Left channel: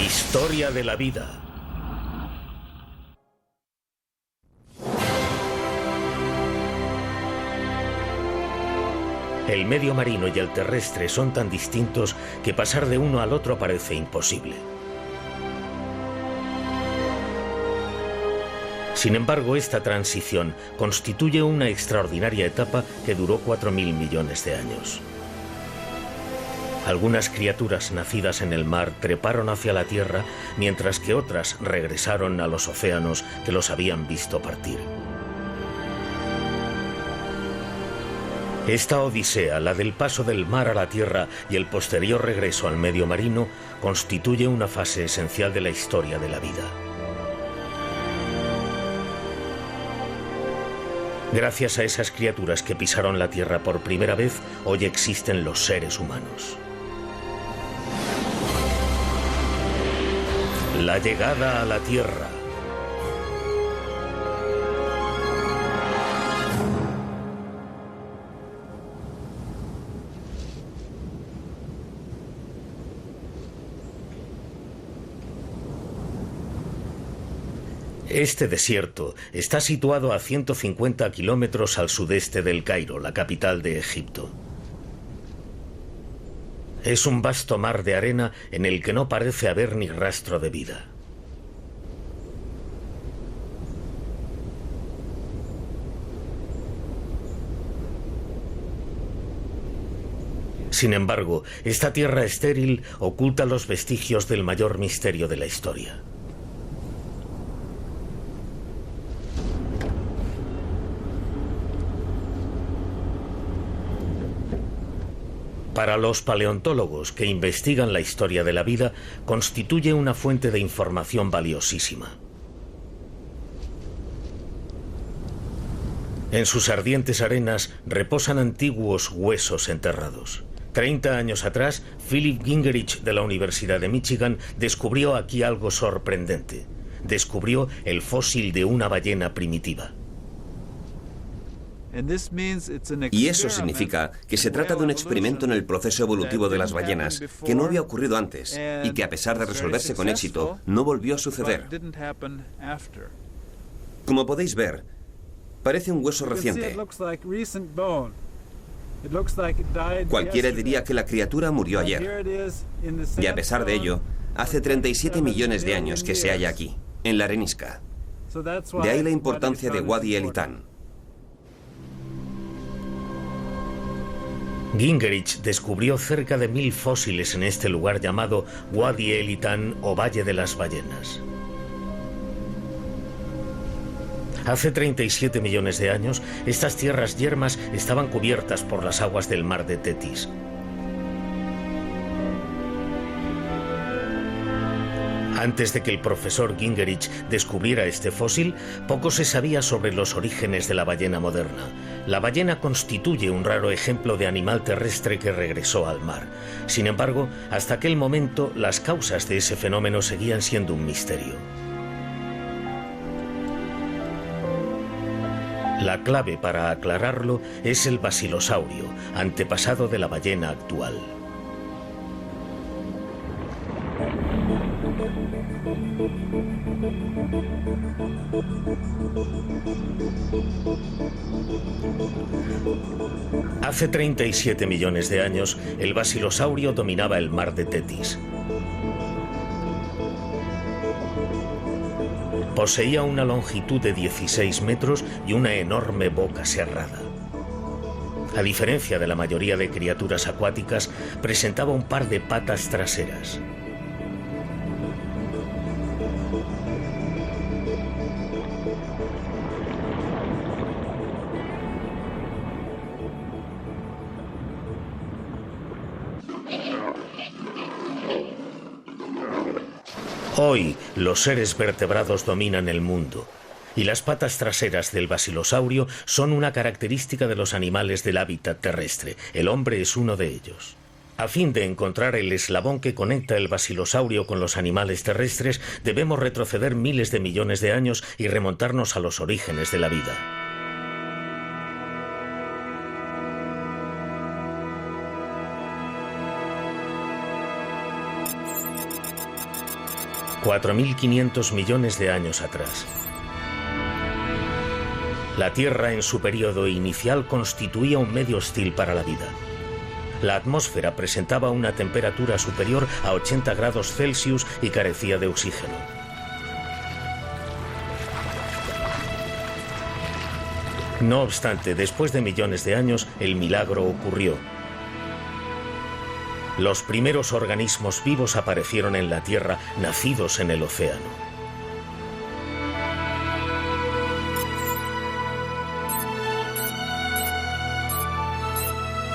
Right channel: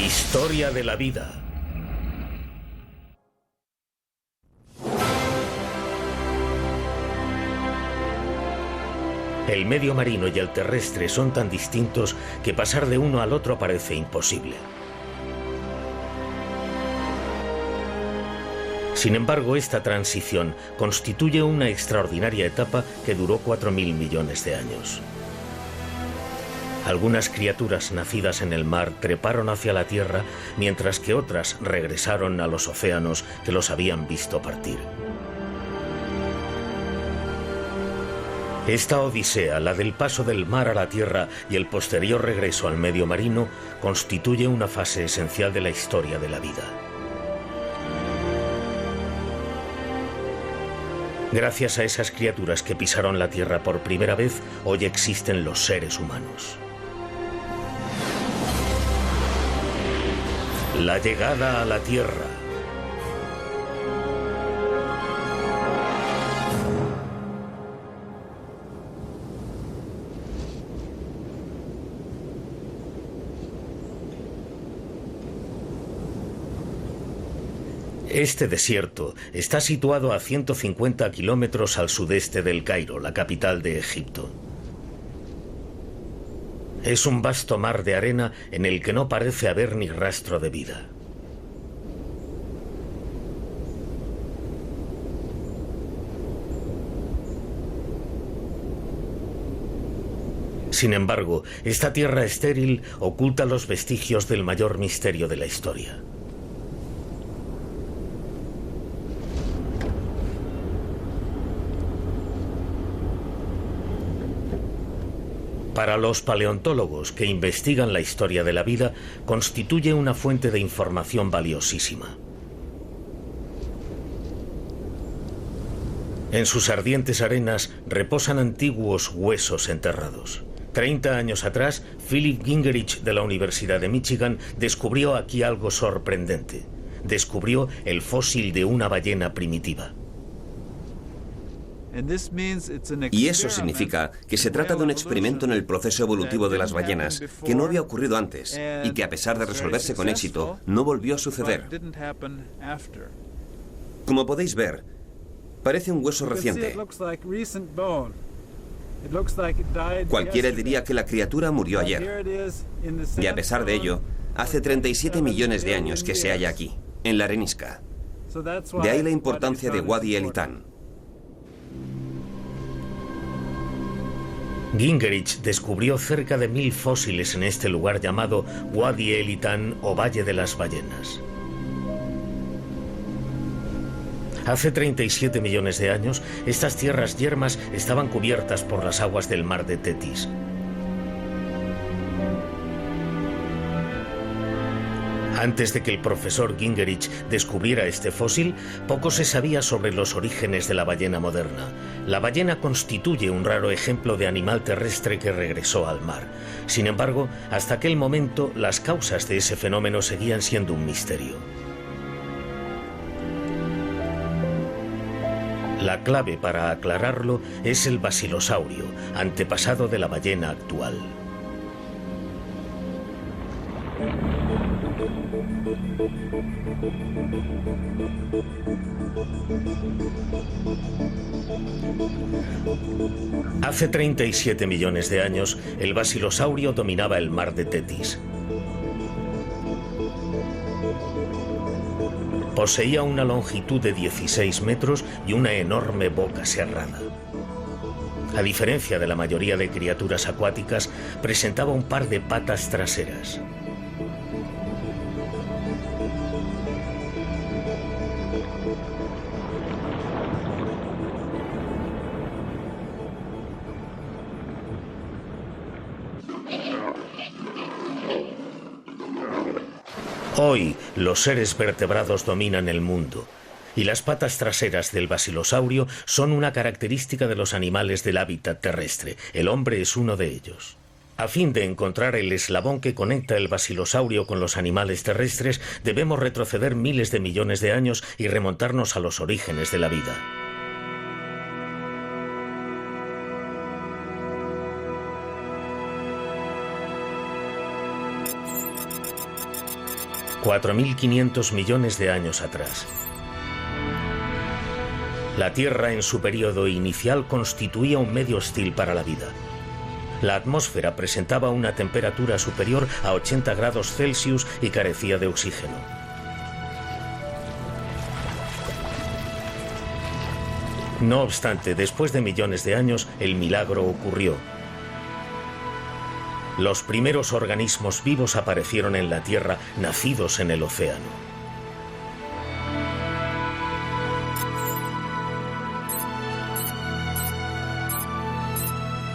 Historia de la vida. El medio marino y el terrestre son tan distintos que pasar de uno al otro parece imposible. Sin embargo, esta transición constituye una extraordinaria etapa que duró 4.000 millones de años. Algunas criaturas nacidas en el mar treparon hacia la Tierra, mientras que otras regresaron a los océanos que los habían visto partir. Esta odisea, la del paso del mar a la Tierra y el posterior regreso al medio marino, constituye una fase esencial de la historia de la vida. Gracias a esas criaturas que pisaron la Tierra por primera vez, hoy existen los seres humanos. La llegada a la Tierra. Este desierto está situado a 150 kilómetros al sudeste del Cairo, la capital de Egipto. Es un vasto mar de arena en el que no parece haber ni rastro de vida. Sin embargo, esta tierra estéril oculta los vestigios del mayor misterio de la historia. Para los paleontólogos que investigan la historia de la vida, constituye una fuente de información valiosísima. En sus ardientes arenas reposan antiguos huesos enterrados. 30 años atrás, Philip Gingerich de la Universidad de Michigan descubrió aquí algo sorprendente. Descubrió el fósil de una ballena primitiva. Y eso significa que se trata de un experimento en el proceso evolutivo de las ballenas que no había ocurrido antes y que, a pesar de resolverse con éxito, no volvió a suceder. Como podéis ver, parece un hueso reciente. Cualquiera diría que la criatura murió ayer. Y a pesar de ello, hace 37 millones de años que se halla aquí, en la arenisca. De ahí la importancia de Wadi el Litán. Gingerich descubrió cerca de 1000 fósiles en este lugar llamado Wadi el Litán o Valle de las Ballenas. Hace 37 millones de años, estas tierras yermas estaban cubiertas por las aguas del mar de Tetis. Antes de que el profesor Gingerich descubriera este fósil, poco se sabía sobre los orígenes de la ballena moderna. La ballena constituye un raro ejemplo de animal terrestre que regresó al mar. Sin embargo, hasta aquel momento, las causas de ese fenómeno seguían siendo un misterio. La clave para aclararlo es el basilosaurio, antepasado de la ballena actual. Hace 37 millones de años, el basilosaurio dominaba el mar de Tetis. Poseía una longitud de 16 metros y una enorme boca serrada. A diferencia de la mayoría de criaturas acuáticas, presentaba un par de patas traseras. Hoy, los seres vertebrados dominan el mundo, y las patas traseras del basilosaurio son una característica de los animales del hábitat terrestre. El hombre es uno de ellos. A fin de encontrar el eslabón que conecta el basilosaurio con los animales terrestres, debemos retroceder miles de millones de años y remontarnos a los orígenes de la vida. 4.500 millones de años atrás. La Tierra en su periodo inicial constituía un medio hostil para la vida. La atmósfera presentaba una temperatura superior a 80 grados Celsius y carecía de oxígeno. No obstante, después de millones de años, el milagro ocurrió. Los primeros organismos vivos aparecieron en la Tierra, nacidos en el océano.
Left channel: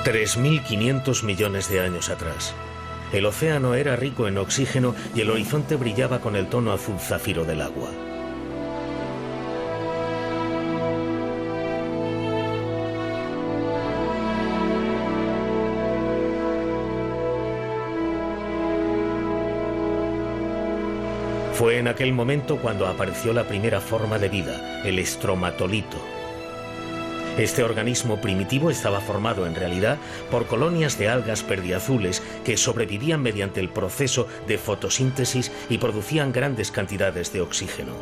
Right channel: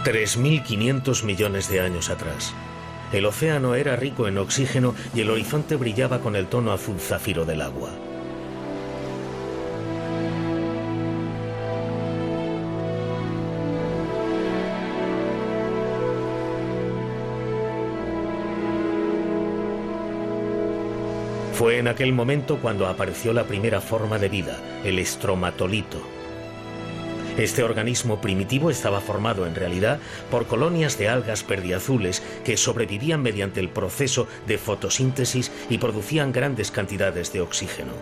$3.500 millones de años atrás. El océano era rico en oxígeno y el horizonte brillaba con el tono azul zafiro del agua. Fue en aquel momento cuando apareció la primera forma de vida, el estromatolito. Este organismo primitivo estaba formado en realidad por colonias de algas perdiazules que sobrevivían mediante el proceso de fotosíntesis y producían grandes cantidades de oxígeno.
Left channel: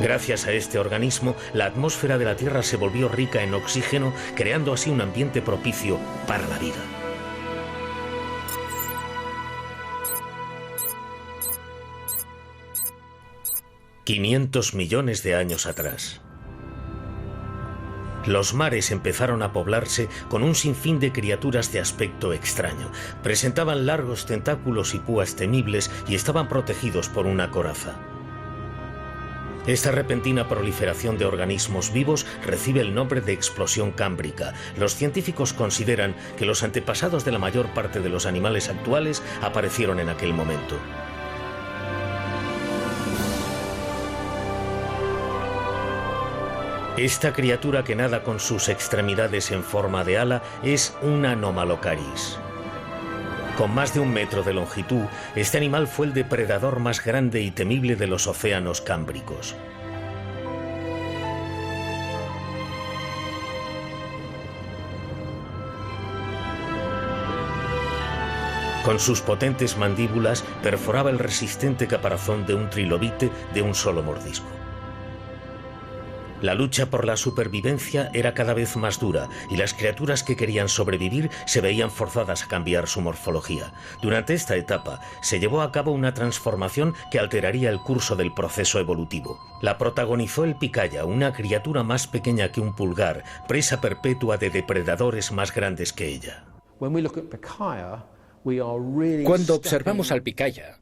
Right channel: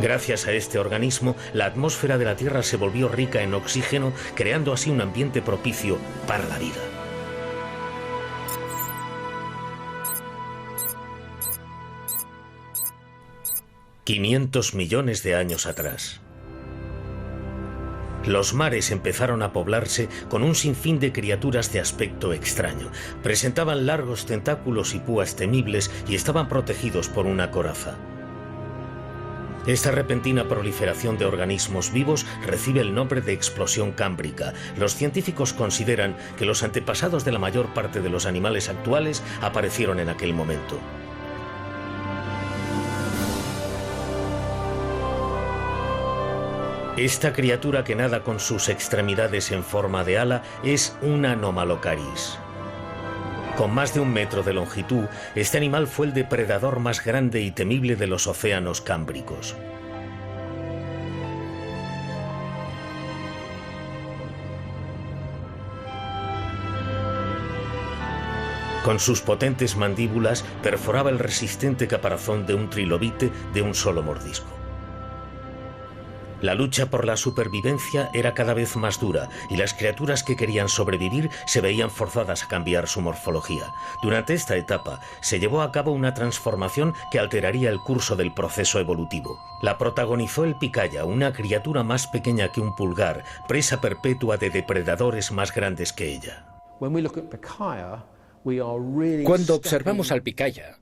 Gracias a este organismo, la atmósfera de la Tierra se volvió rica en oxígeno, creando así un ambiente propicio para la vida. $500 millones de años atrás. Los mares empezaron a poblarse con un sinfín de criaturas de aspecto extraño. Presentaban largos tentáculos y púas temibles y estaban protegidos por una coraza. Esta repentina proliferación de organismos vivos recibe el nombre de explosión cámbrica. Los científicos consideran que los antepasados de la mayor parte de los animales actuales aparecieron en aquel momento. Esta criatura que nada con sus extremidades en forma de ala es un Anomalocaris. Con más de 1 metro de longitud, este animal fue el depredador más grande y temible de los océanos cámbricos. Con sus potentes mandíbulas perforaba el resistente caparazón de un trilobite de un solo mordisco. La lucha por la supervivencia era cada vez más dura y las criaturas que querían sobrevivir se veían forzadas a cambiar su morfología. Durante esta etapa se llevó a cabo una transformación que alteraría el curso del proceso evolutivo. La protagonizó el picaya, una criatura más pequeña que un pulgar, presa perpetua de depredadores más grandes que ella. Cuando observamos al picaya,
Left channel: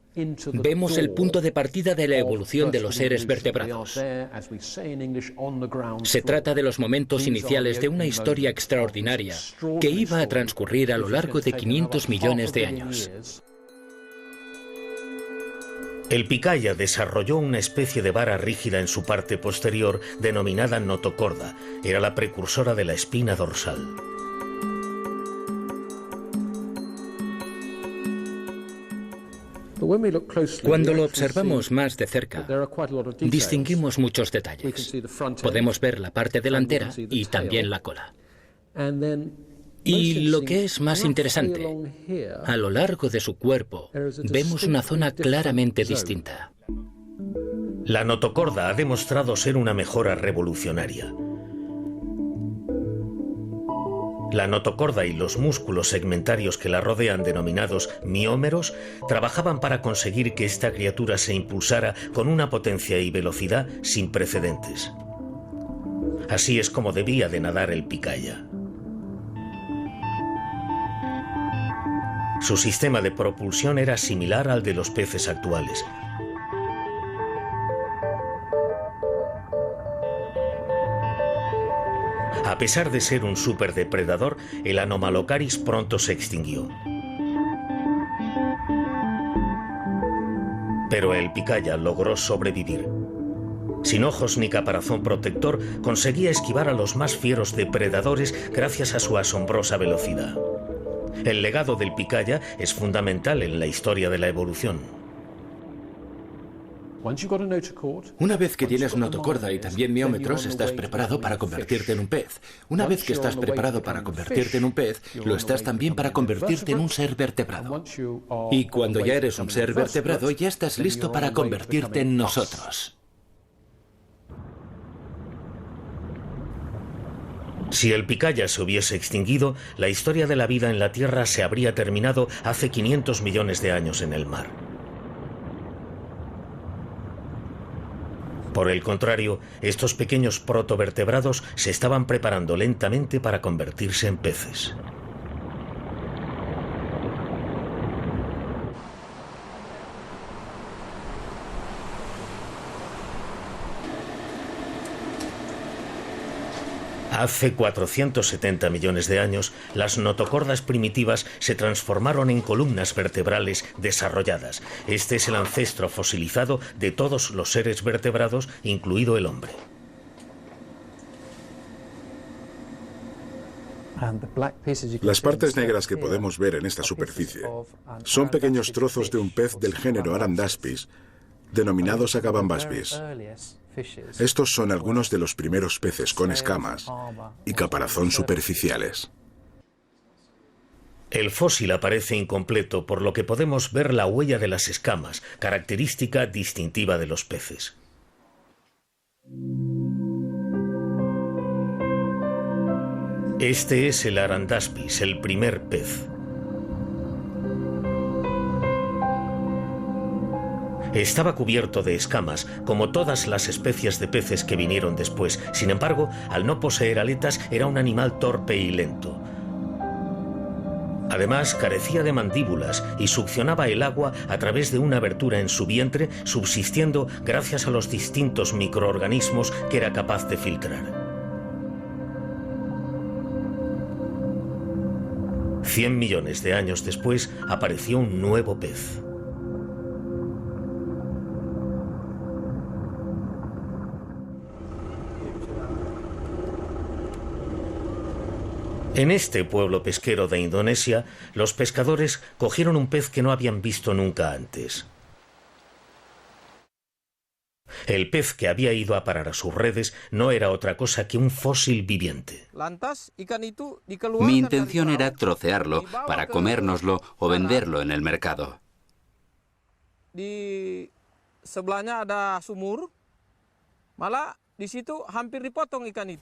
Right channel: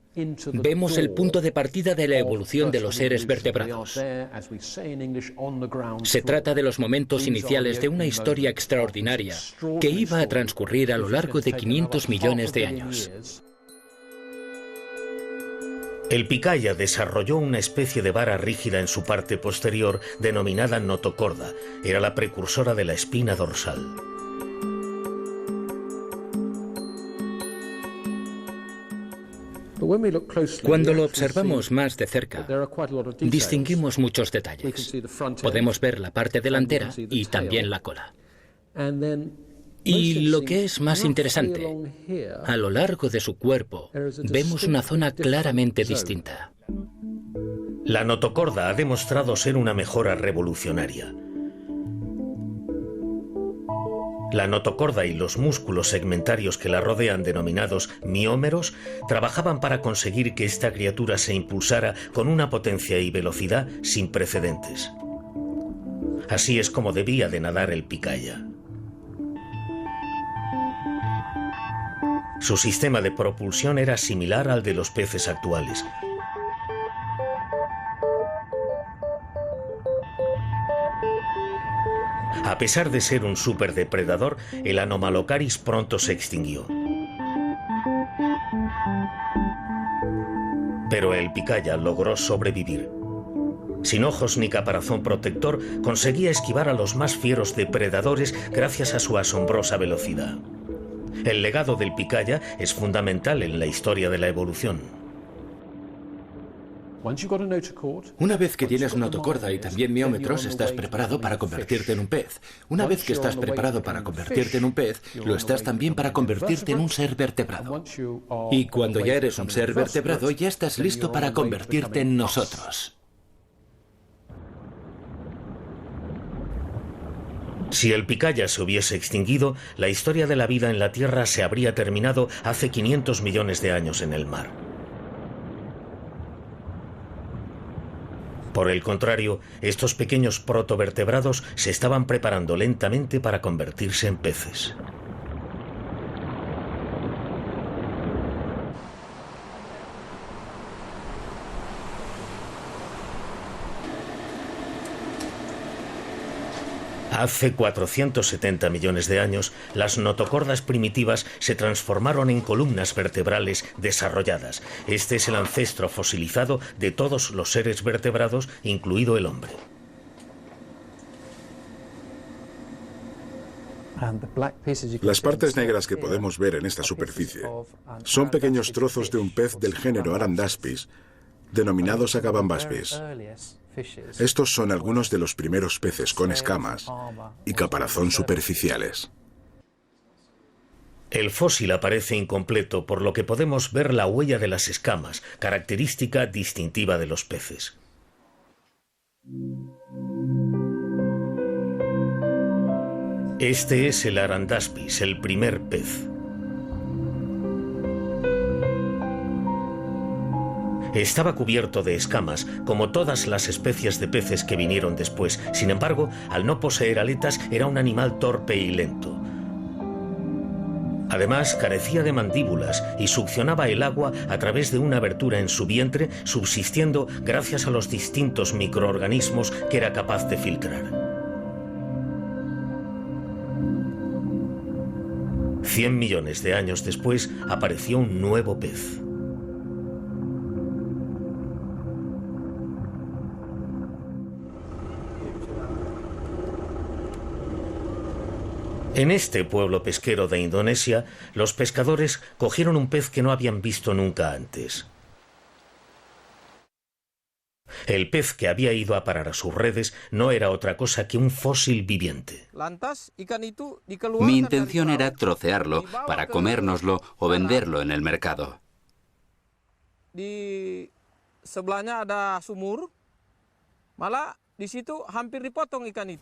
vemos el punto de partida de la evolución de los seres vertebrados. Se trata de los momentos iniciales de una historia extraordinaria que iba a transcurrir a lo largo de 500 millones de años. El picaya desarrolló una especie de vara rígida en su parte posterior denominada notocorda. Era la precursora de la espina dorsal. Cuando lo observamos más de cerca, distinguimos muchos detalles. Podemos ver la parte delantera y también la cola. Y lo que es más interesante, a lo largo de su cuerpo vemos una zona claramente distinta. La notocorda ha demostrado ser una mejora revolucionaria. La notocorda y los músculos segmentarios que la rodean, denominados miómeros, trabajaban para conseguir que esta criatura se impulsara con una potencia y velocidad sin precedentes. Así es como debía de nadar el picaya. Su sistema de propulsión era similar al de los peces actuales. A pesar de ser un superdepredador, el Anomalocaris pronto se extinguió. Pero el picaya logró sobrevivir. Sin ojos ni caparazón protector, conseguía esquivar a los más fieros depredadores gracias a su asombrosa velocidad. El legado del picaya es fundamental en la historia de la evolución. Una vez que tienes notocorda y también miómetros, estás preparado para convertirte en un pez. Una vez que estás preparado para convertirte en un pez, lo estás también para convertirte en un ser vertebrado. Y cuando ya eres un ser vertebrado, ya estás listo para convertirte en nosotros. Si el picaya se hubiese extinguido, la historia de la vida en la Tierra se habría terminado hace 500 millones de años en el mar. Por el contrario, estos pequeños protovertebrados se estaban preparando lentamente para convertirse en peces. Hace 470 millones de años, las notocordas primitivas se transformaron en columnas vertebrales desarrolladas. Este es el ancestro fosilizado de todos los seres vertebrados, incluido el hombre. Las partes negras que podemos ver en esta superficie son pequeños trozos de un pez del género Arandaspis, denominados Agabambaspis. Estos son algunos de los primeros peces con escamas y caparazón superficiales. El fósil aparece incompleto, por lo que podemos ver la huella de las escamas, característica distintiva de los peces. Este es el Arandaspis, el primer pez. Estaba cubierto de escamas, como todas las especies de peces que vinieron después. Sin embargo, al no poseer aletas, era un animal torpe y lento. Además, carecía de mandíbulas y succionaba el agua a través de una abertura en su vientre, subsistiendo gracias a los distintos microorganismos que era capaz de filtrar. 100 millones de años después, apareció un nuevo pez. En este pueblo pesquero de Indonesia, los pescadores cogieron un pez que no habían visto nunca antes. El pez que había ido a parar a sus redes no era otra cosa que un fósil viviente. Mi intención era trocearlo para comérnoslo o venderlo en el mercado.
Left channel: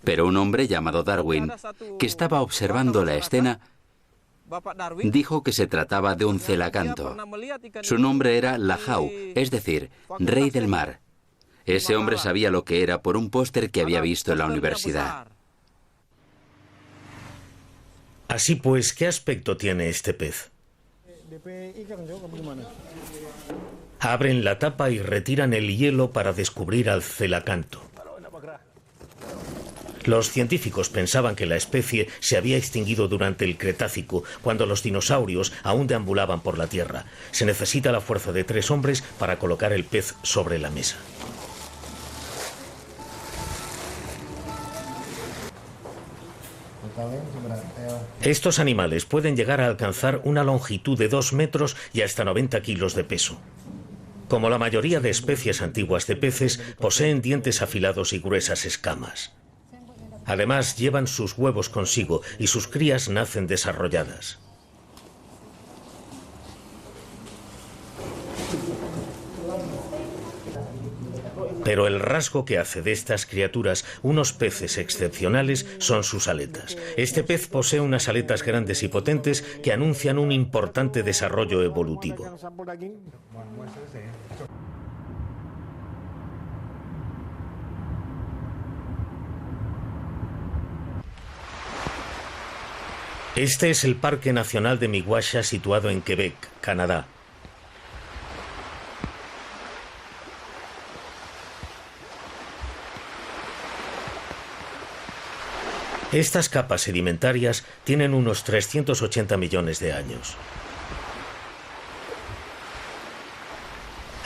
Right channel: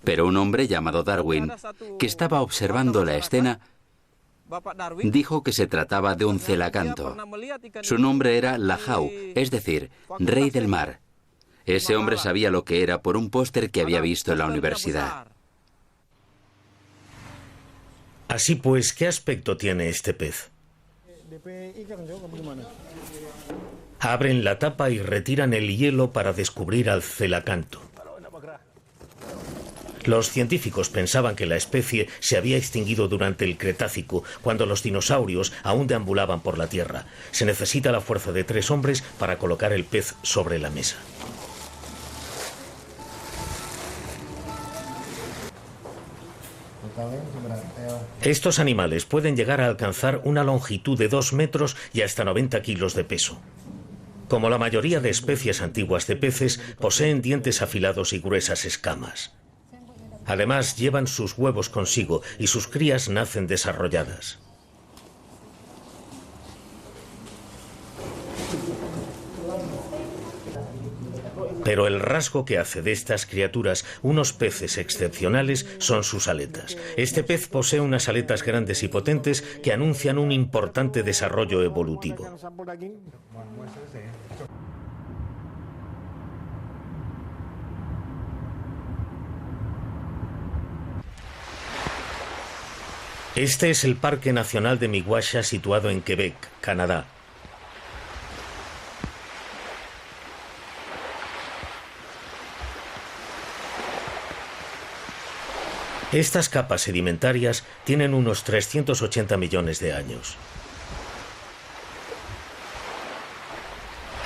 Pero un hombre llamado Darwin, que estaba observando la escena, dijo que se trataba de un celacanto. Su nombre era Lahau, es decir, rey del mar. Ese hombre sabía lo que era por un póster que había visto en la universidad. Así pues, ¿qué aspecto tiene este pez? Abren la tapa y retiran el hielo para descubrir al celacanto. Los científicos pensaban que la especie se había extinguido durante el Cretácico, cuando los dinosaurios aún deambulaban por la Tierra. Se necesita la fuerza de 3 hombres para colocar el pez sobre la mesa. Estos animales pueden llegar a alcanzar una longitud de 2 metros y hasta 90 kilos de peso. Como la mayoría de especies antiguas de peces, poseen dientes afilados y gruesas escamas. Además, llevan sus huevos consigo y sus crías nacen desarrolladas. Pero el rasgo que hace de estas criaturas unos peces excepcionales son sus aletas. Este pez posee unas aletas grandes y potentes que anuncian un importante desarrollo evolutivo. Este es el Parque Nacional de Miguasha, situado en Quebec, Canadá. Estas capas sedimentarias tienen unos 380 millones de años.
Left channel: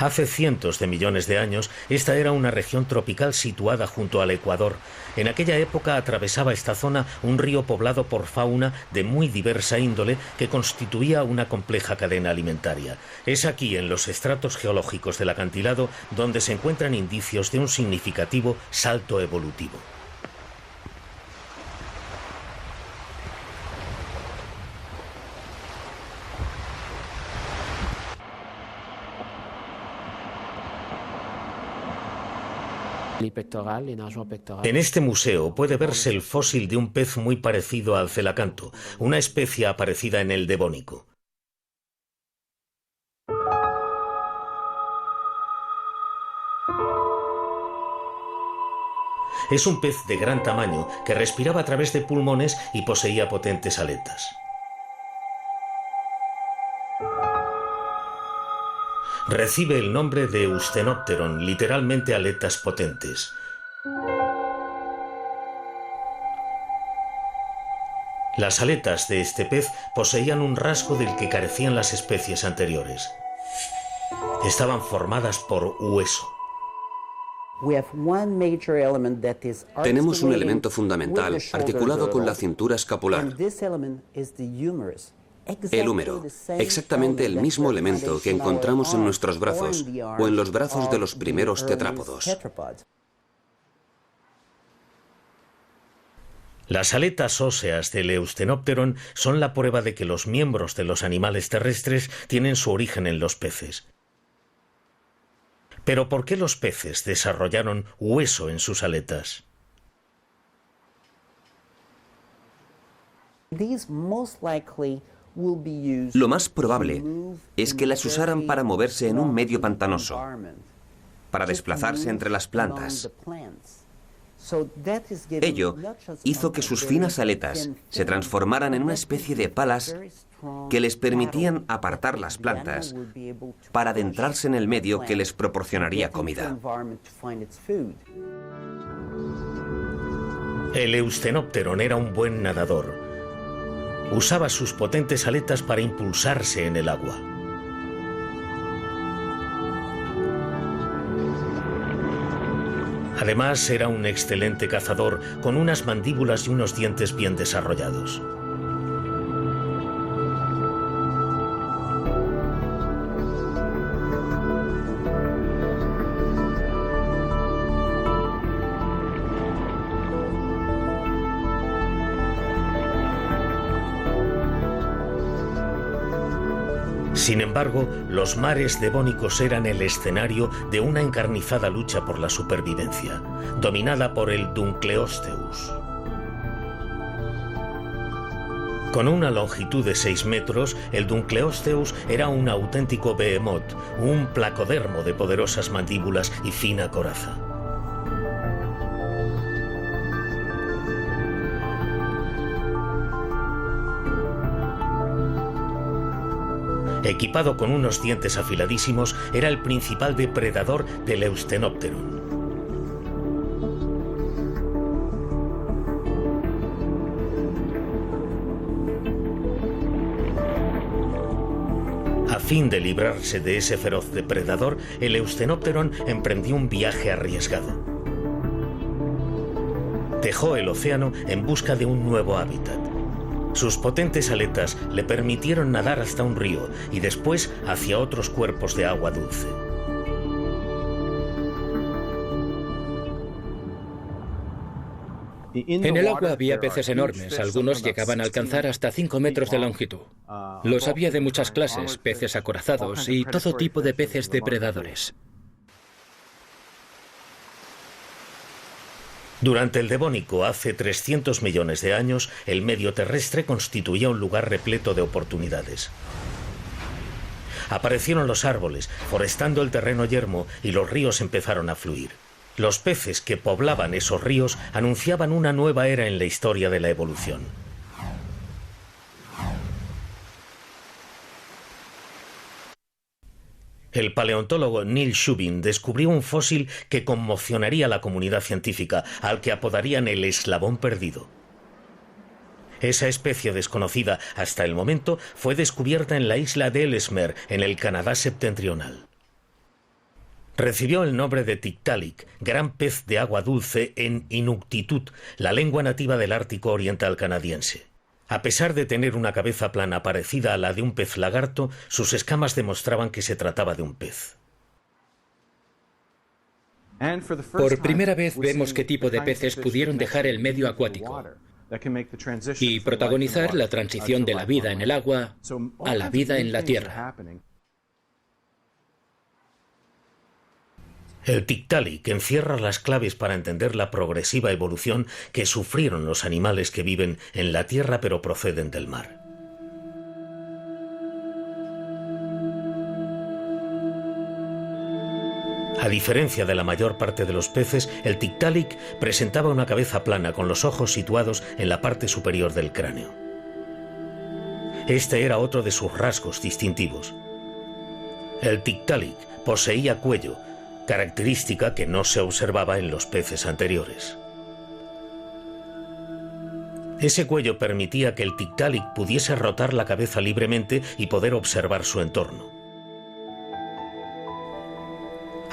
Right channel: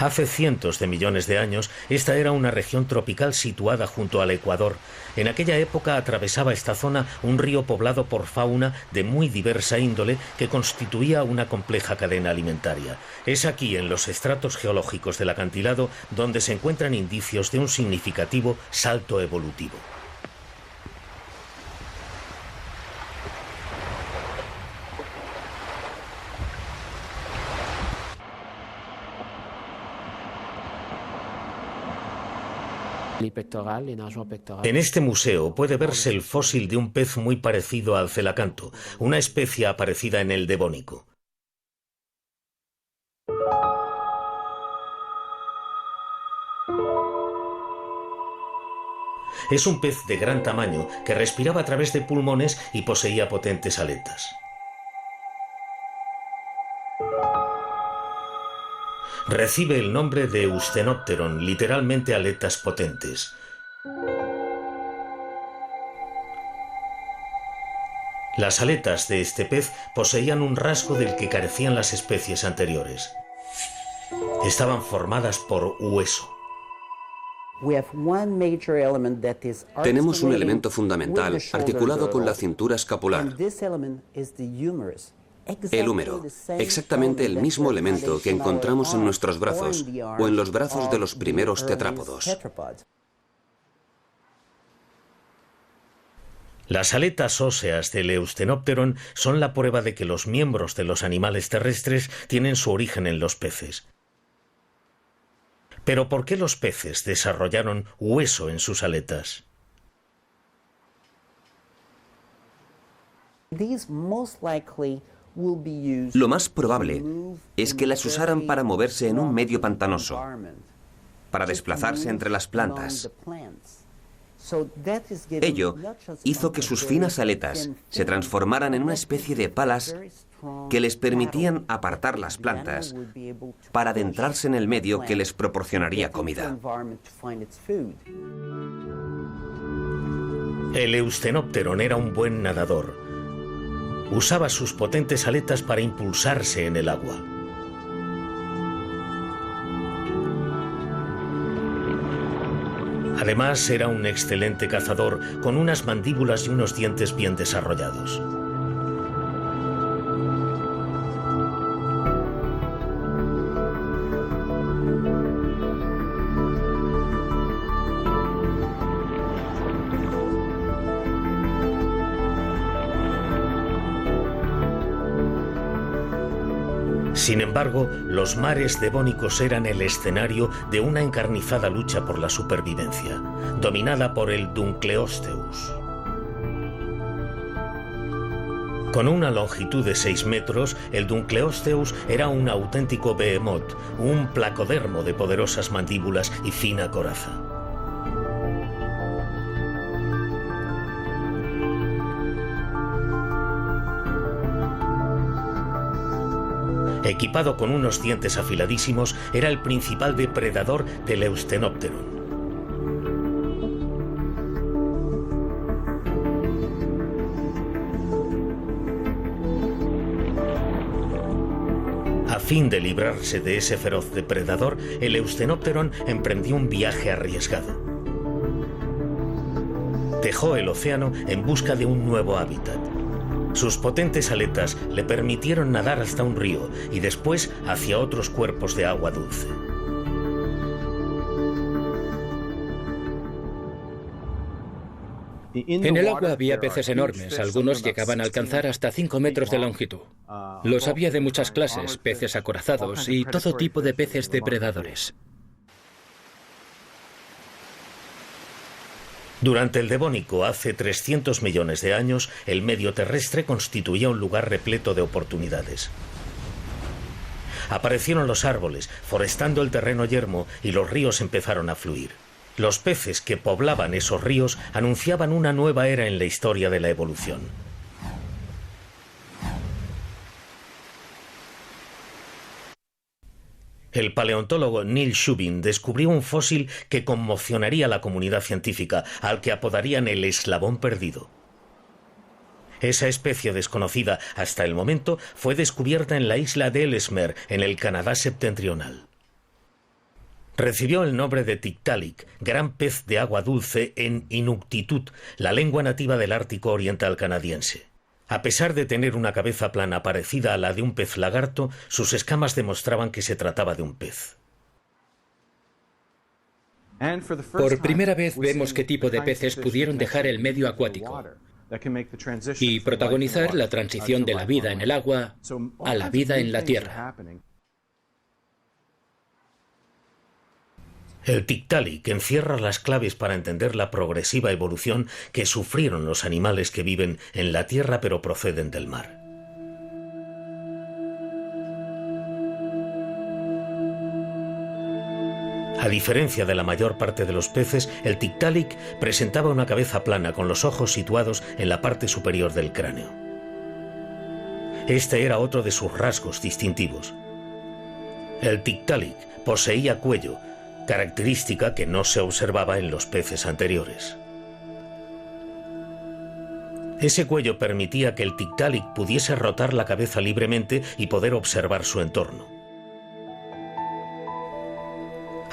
Hace cientos de millones de años, esta era una región tropical situada junto al Ecuador. En aquella época atravesaba esta zona un río poblado por fauna de muy diversa índole que constituía una compleja cadena alimentaria. Es aquí, en los estratos geológicos del acantilado, donde se encuentran indicios de un significativo salto evolutivo. En este museo puede verse el fósil de un pez muy parecido al celacanto, una especie aparecida en el Devónico. Es un pez de gran tamaño que respiraba a través de pulmones y poseía potentes aletas. Recibe el nombre de Eustenopteron, literalmente aletas potentes. Las aletas de este pez poseían un rasgo del que carecían las especies anteriores. Estaban formadas por hueso. Tenemos un elemento fundamental articulado con la cintura escapular. El húmero, exactamente el mismo elemento que encontramos en nuestros brazos o en los brazos de los primeros tetrápodos. Las aletas óseas del Eustenopteron son la prueba de que los miembros de los animales terrestres tienen su origen en los peces. Pero ¿por qué los peces desarrollaron hueso en sus aletas? Lo más probable es que las usaran para moverse en un medio pantanoso, para desplazarse entre las plantas. Ello hizo que sus finas aletas se transformaran en una especie de palas que les permitían apartar las plantas para adentrarse en el medio que les proporcionaría comida. El Eustenopteron era un buen nadador. Usaba sus potentes aletas para impulsarse en el agua. Además, era un excelente cazador, con unas mandíbulas y unos dientes bien desarrollados. Sin embargo, los mares devónicos eran el escenario de una encarnizada lucha por la supervivencia, dominada por el Dunkleosteus. Con una longitud de 6 metros, el Dunkleosteus era un auténtico behemoth, un placodermo de poderosas mandíbulas y fina coraza. Equipado con unos dientes afiladísimos, era el principal depredador del Eustenopteron. A fin de librarse de ese feroz depredador, el Eustenopteron emprendió un viaje arriesgado. Dejó el océano en busca de un nuevo hábitat. Sus potentes aletas le permitieron nadar hasta un río y después hacia otros cuerpos de agua dulce. En el agua había peces enormes, algunos llegaban a alcanzar hasta 5 metros de longitud. Los había de muchas clases, peces acorazados y todo tipo de peces depredadores. Durante el Devónico, hace 300 millones de años, el medio terrestre constituía un lugar repleto de oportunidades. Aparecieron los árboles, forestando el terreno yermo, y los ríos empezaron a fluir. Los peces que poblaban esos ríos anunciaban una nueva era en la historia de la evolución. El paleontólogo Neil Shubin descubrió un fósil que conmocionaría a la comunidad científica, al que apodarían el eslabón perdido. Esa especie desconocida hasta el momento fue descubierta en la isla de Ellesmere, en el Canadá septentrional. Recibió el nombre de Tiktaalik, gran pez de agua dulce en Inuktitut, la lengua nativa del Ártico oriental canadiense. A pesar de tener una cabeza plana parecida a la de un pez lagarto, sus escamas demostraban que se trataba de un pez. Por primera vez vemos qué tipo de peces pudieron dejar el medio acuático y protagonizar la transición de la vida en el agua a la vida en la tierra. El Tiktaalik encierra las claves para entender la progresiva evolución que sufrieron los animales que viven en la tierra pero proceden del mar. A diferencia de la mayor parte de los peces, el Tiktaalik presentaba una cabeza plana con los ojos situados en la parte superior del cráneo. Este era otro de sus rasgos distintivos. El Tiktaalik poseía cuello, característica que no se observaba en los peces anteriores. Ese cuello permitía que el Tiktaalik pudiese rotar la cabeza libremente y poder observar su entorno.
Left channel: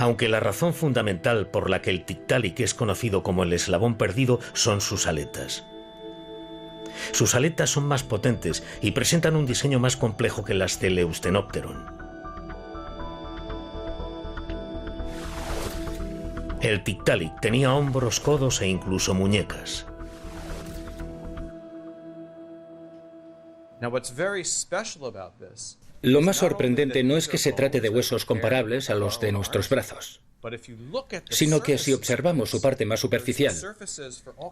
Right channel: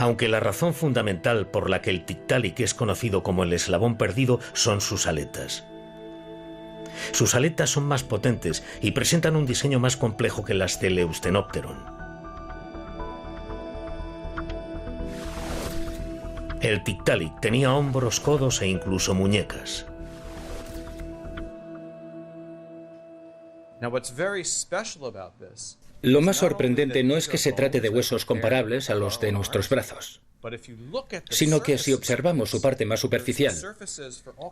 Aunque la razón fundamental por la que el Tiktaalik es conocido como el eslabón perdido son sus aletas. Sus aletas son más potentes y presentan un diseño más complejo que las del Eustenopteron. El Tiktaalik tenía hombros, codos e incluso muñecas. Lo más sorprendente no es que se trate de huesos comparables a los de nuestros brazos, sino que si observamos su parte más superficial,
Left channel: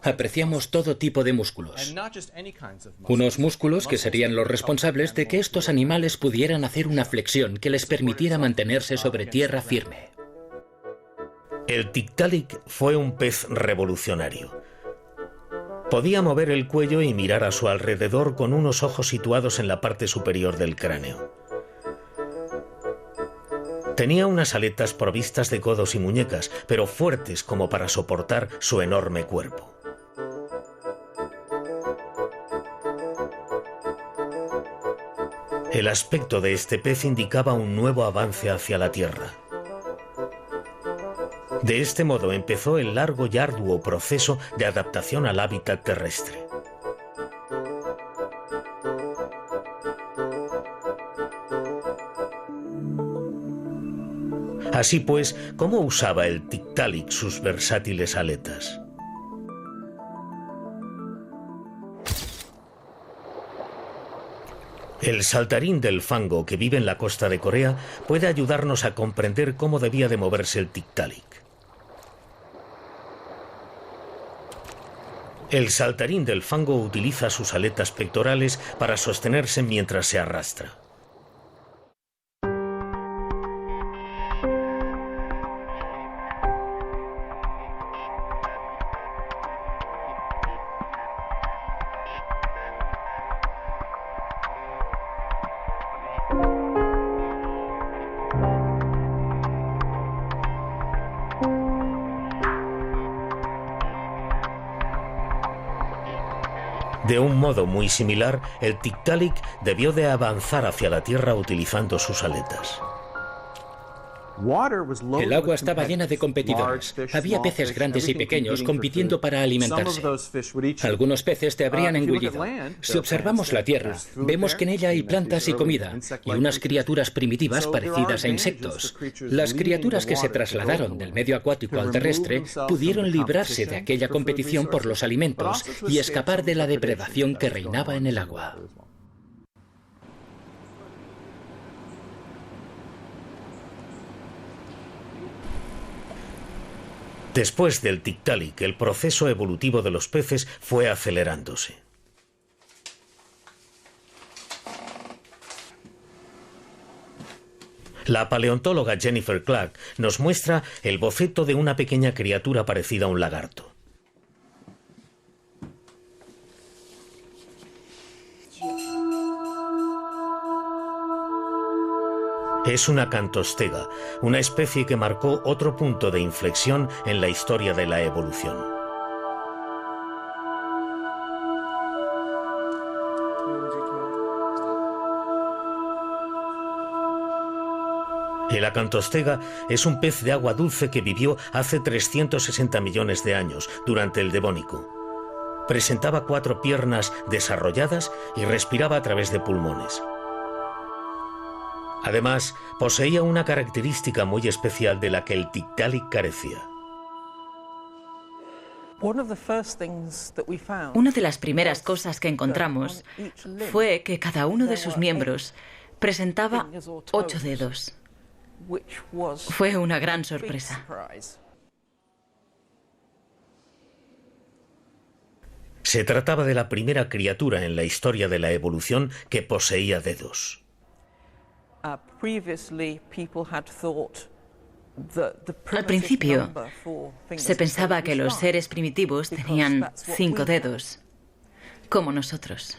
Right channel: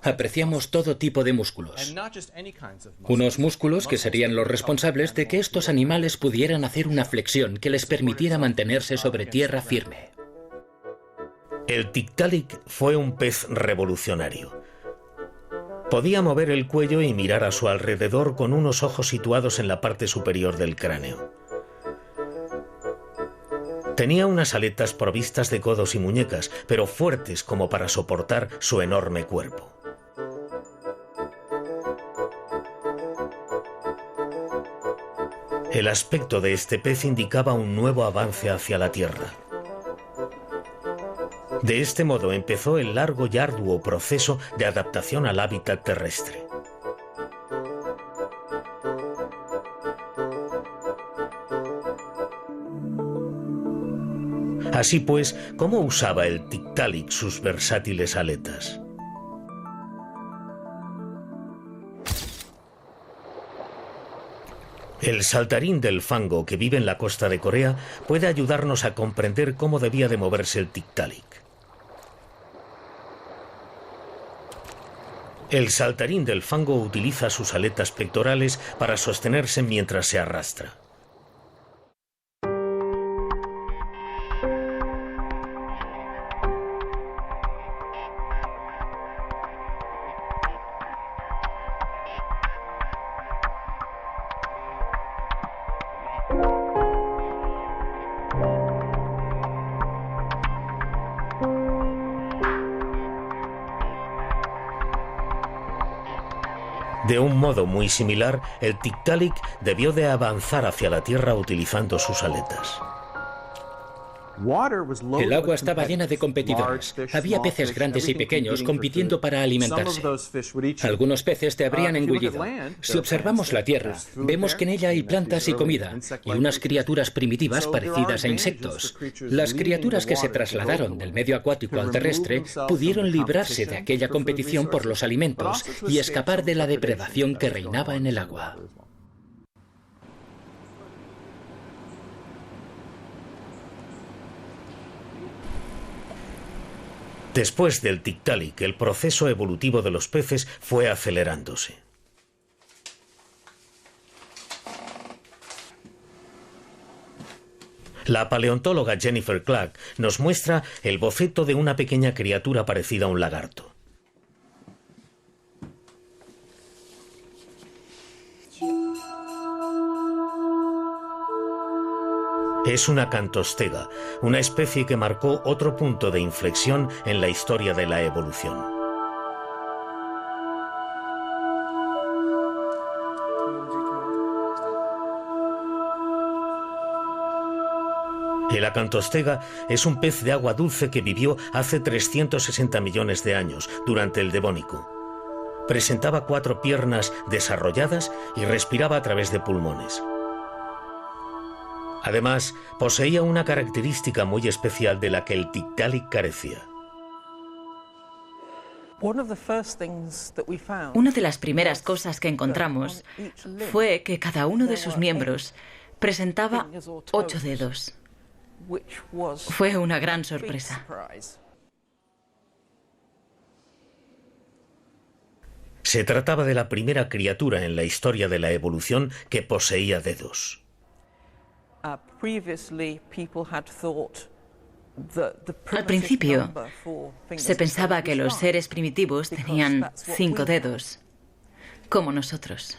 apreciamos todo tipo de músculos. Unos músculos que serían los responsables de que estos animales pudieran hacer una flexión que les permitiera mantenerse sobre tierra firme. El Tiktaalik fue un pez revolucionario. Podía mover el cuello y mirar a su alrededor con unos ojos situados en la parte superior del cráneo. Tenía unas aletas provistas de codos y muñecas, pero fuertes como para soportar su enorme cuerpo. El aspecto de este pez indicaba un nuevo avance hacia la Tierra. De este modo empezó el largo y arduo proceso de adaptación al hábitat terrestre. Así pues, ¿cómo usaba el Tiktaalik sus versátiles aletas? El saltarín del fango que vive en la costa de Corea puede ayudarnos a comprender cómo debía de moverse el Tiktaalik. El saltarín del fango utiliza sus aletas pectorales para sostenerse mientras se arrastra. De un modo muy similar, el Tiktaalik debió de avanzar hacia la Tierra utilizando sus aletas. El agua estaba llena de competidores. Había peces grandes y pequeños compitiendo para alimentarse. Algunos peces te habrían engullido. Si observamos la Tierra, vemos que en ella hay plantas y comida, y unas criaturas primitivas parecidas a insectos. Las criaturas que se trasladaron del medio acuático al terrestre pudieron librarse de aquella competición por los alimentos y escapar de la depredación que reinaba en el agua. Después del Tiktaalik, el proceso evolutivo de los peces fue acelerándose. La paleontóloga Jennifer Clark nos muestra el boceto de una pequeña criatura parecida a un lagarto. Es una cantostega, una especie que marcó otro punto de inflexión en la historia de la evolución. El acantostega es un pez de agua dulce que vivió hace 360 millones de años, durante el Devónico. Presentaba 4 piernas desarrolladas y respiraba a través de pulmones. Además, poseía una característica muy especial de la que el Tiktaalik carecía. Una de las primeras cosas que encontramos fue que cada uno de sus miembros presentaba 8 dedos. Fue una gran sorpresa. Se trataba de la primera criatura en la historia de la evolución que poseía dedos. Al principio, se pensaba que los seres primitivos tenían 5 dedos, como nosotros.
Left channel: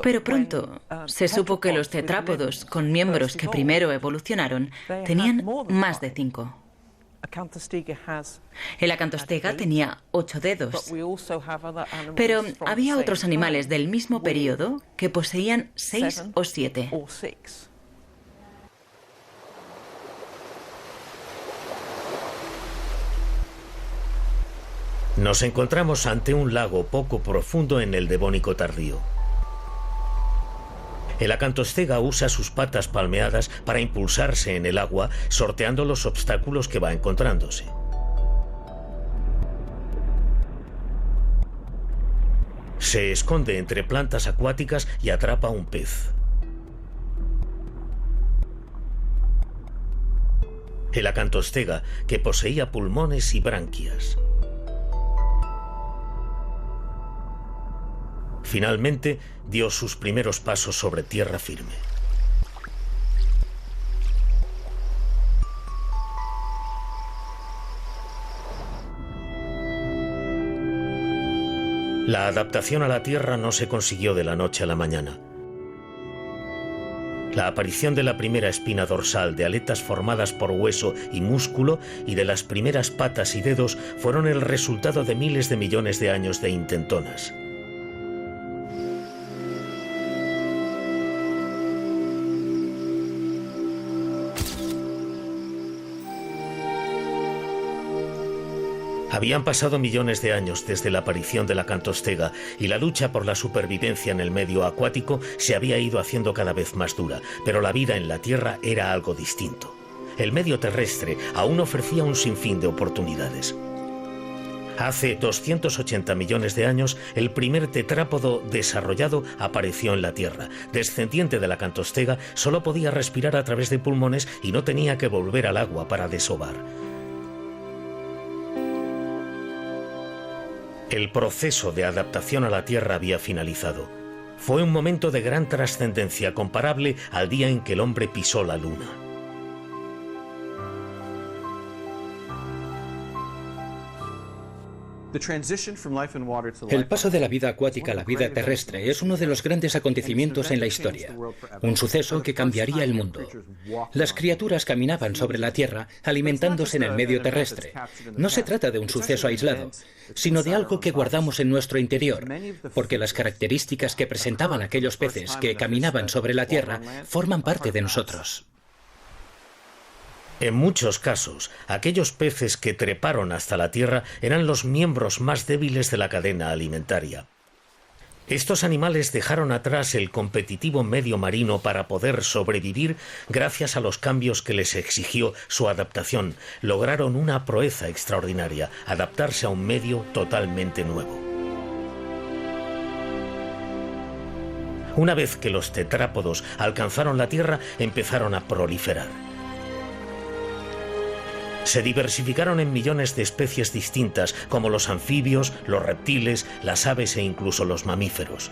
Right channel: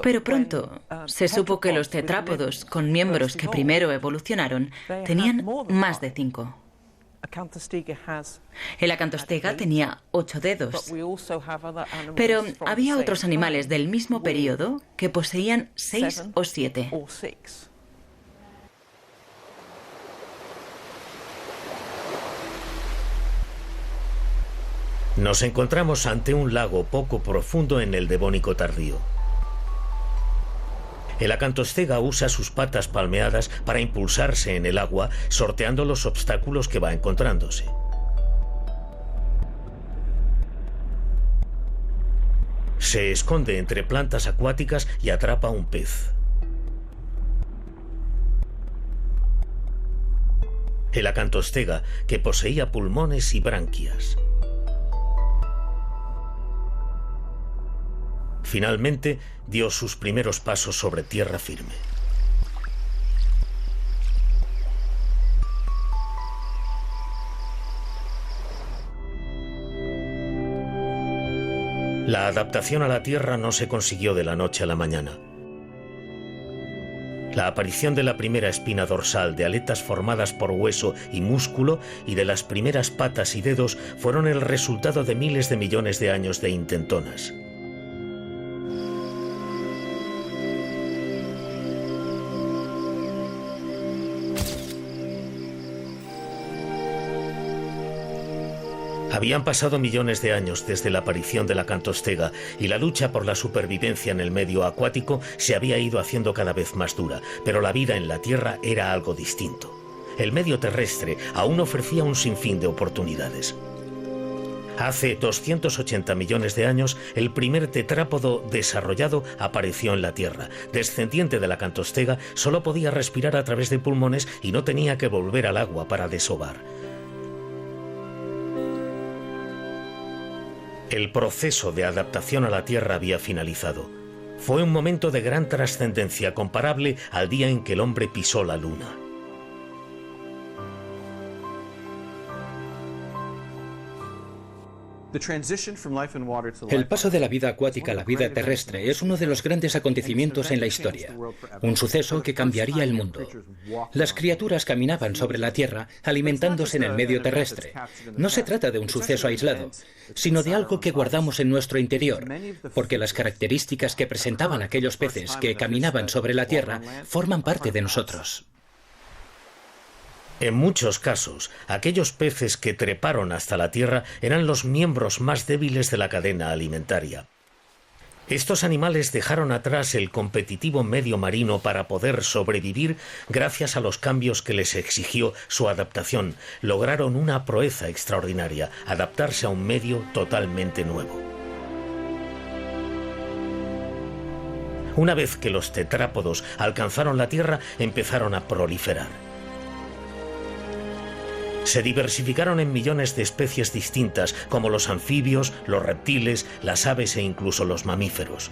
Pero pronto se supo que los tetrápodos con miembros que primero evolucionaron tenían más de 5. El acantostega tenía 8 dedos. Pero había otros animales del mismo período que poseían 6 o 7. Nos encontramos ante un lago poco profundo en el Devónico tardío. El acantostega usa sus patas palmeadas para impulsarse en el agua, sorteando los obstáculos que va encontrándose. Se esconde entre plantas acuáticas y atrapa un pez. El acantostega, que poseía pulmones y branquias. Finalmente, dio sus primeros pasos sobre tierra firme. La adaptación a la Tierra no se consiguió de la noche a la mañana. La aparición de la primera espina dorsal, de aletas formadas por hueso y músculo y de las primeras patas y dedos fueron el resultado de miles de millones de años de intentonas. Habían pasado millones de años desde la aparición de la acantostega y la lucha por la supervivencia en el medio acuático se había ido haciendo cada vez más dura, pero la vida en la Tierra era algo distinto. El medio terrestre aún ofrecía un sinfín de oportunidades. Hace 280 millones de años, el primer tetrápodo desarrollado apareció en la Tierra. Descendiente de la acantostega, solo podía respirar a través de pulmones y no tenía que volver al agua para desovar. El proceso de adaptación a la Tierra había finalizado. Fue un momento de gran trascendencia comparable al día en que el hombre pisó la Luna. El paso de la vida acuática a la vida terrestre es uno de los grandes acontecimientos en la historia, un suceso que cambiaría el mundo. Las criaturas caminaban sobre la Tierra alimentándose en el medio terrestre. No se trata de un suceso aislado, sino de algo que guardamos en nuestro interior, porque las características que presentaban aquellos peces que caminaban sobre la Tierra forman parte de nosotros. En muchos casos, aquellos peces que treparon hasta la Tierra eran los miembros más débiles de la cadena alimentaria. Estos animales dejaron atrás el competitivo medio marino para poder sobrevivir gracias a los cambios que les exigió su adaptación. Lograron una proeza extraordinaria, adaptarse a un medio totalmente nuevo. Una vez que los tetrápodos alcanzaron la Tierra, empezaron a proliferar. Se diversificaron en millones de especies distintas, como los anfibios, los reptiles, las aves e incluso los mamíferos.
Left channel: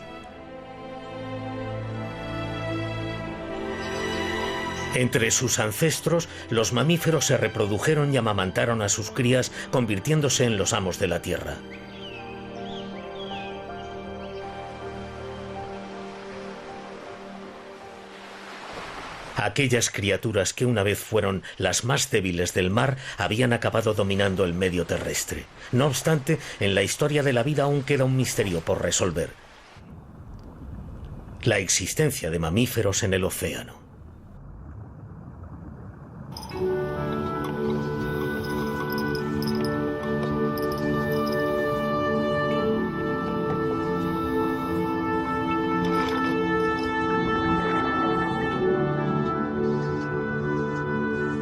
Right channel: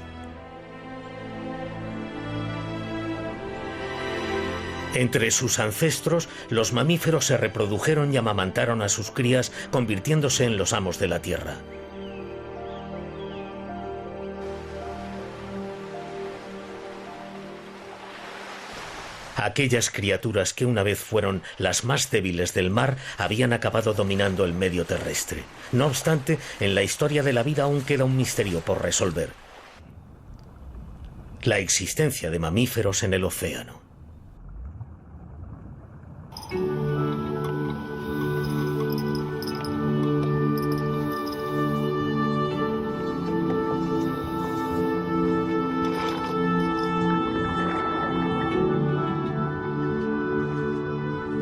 Entre sus ancestros, los mamíferos se reprodujeron y amamantaron a sus crías, convirtiéndose en los amos de la Tierra. Aquellas criaturas que una vez fueron las más débiles del mar habían acabado dominando el medio terrestre. No obstante, en la historia de la vida aún queda un misterio por resolver: la existencia de mamíferos en el océano.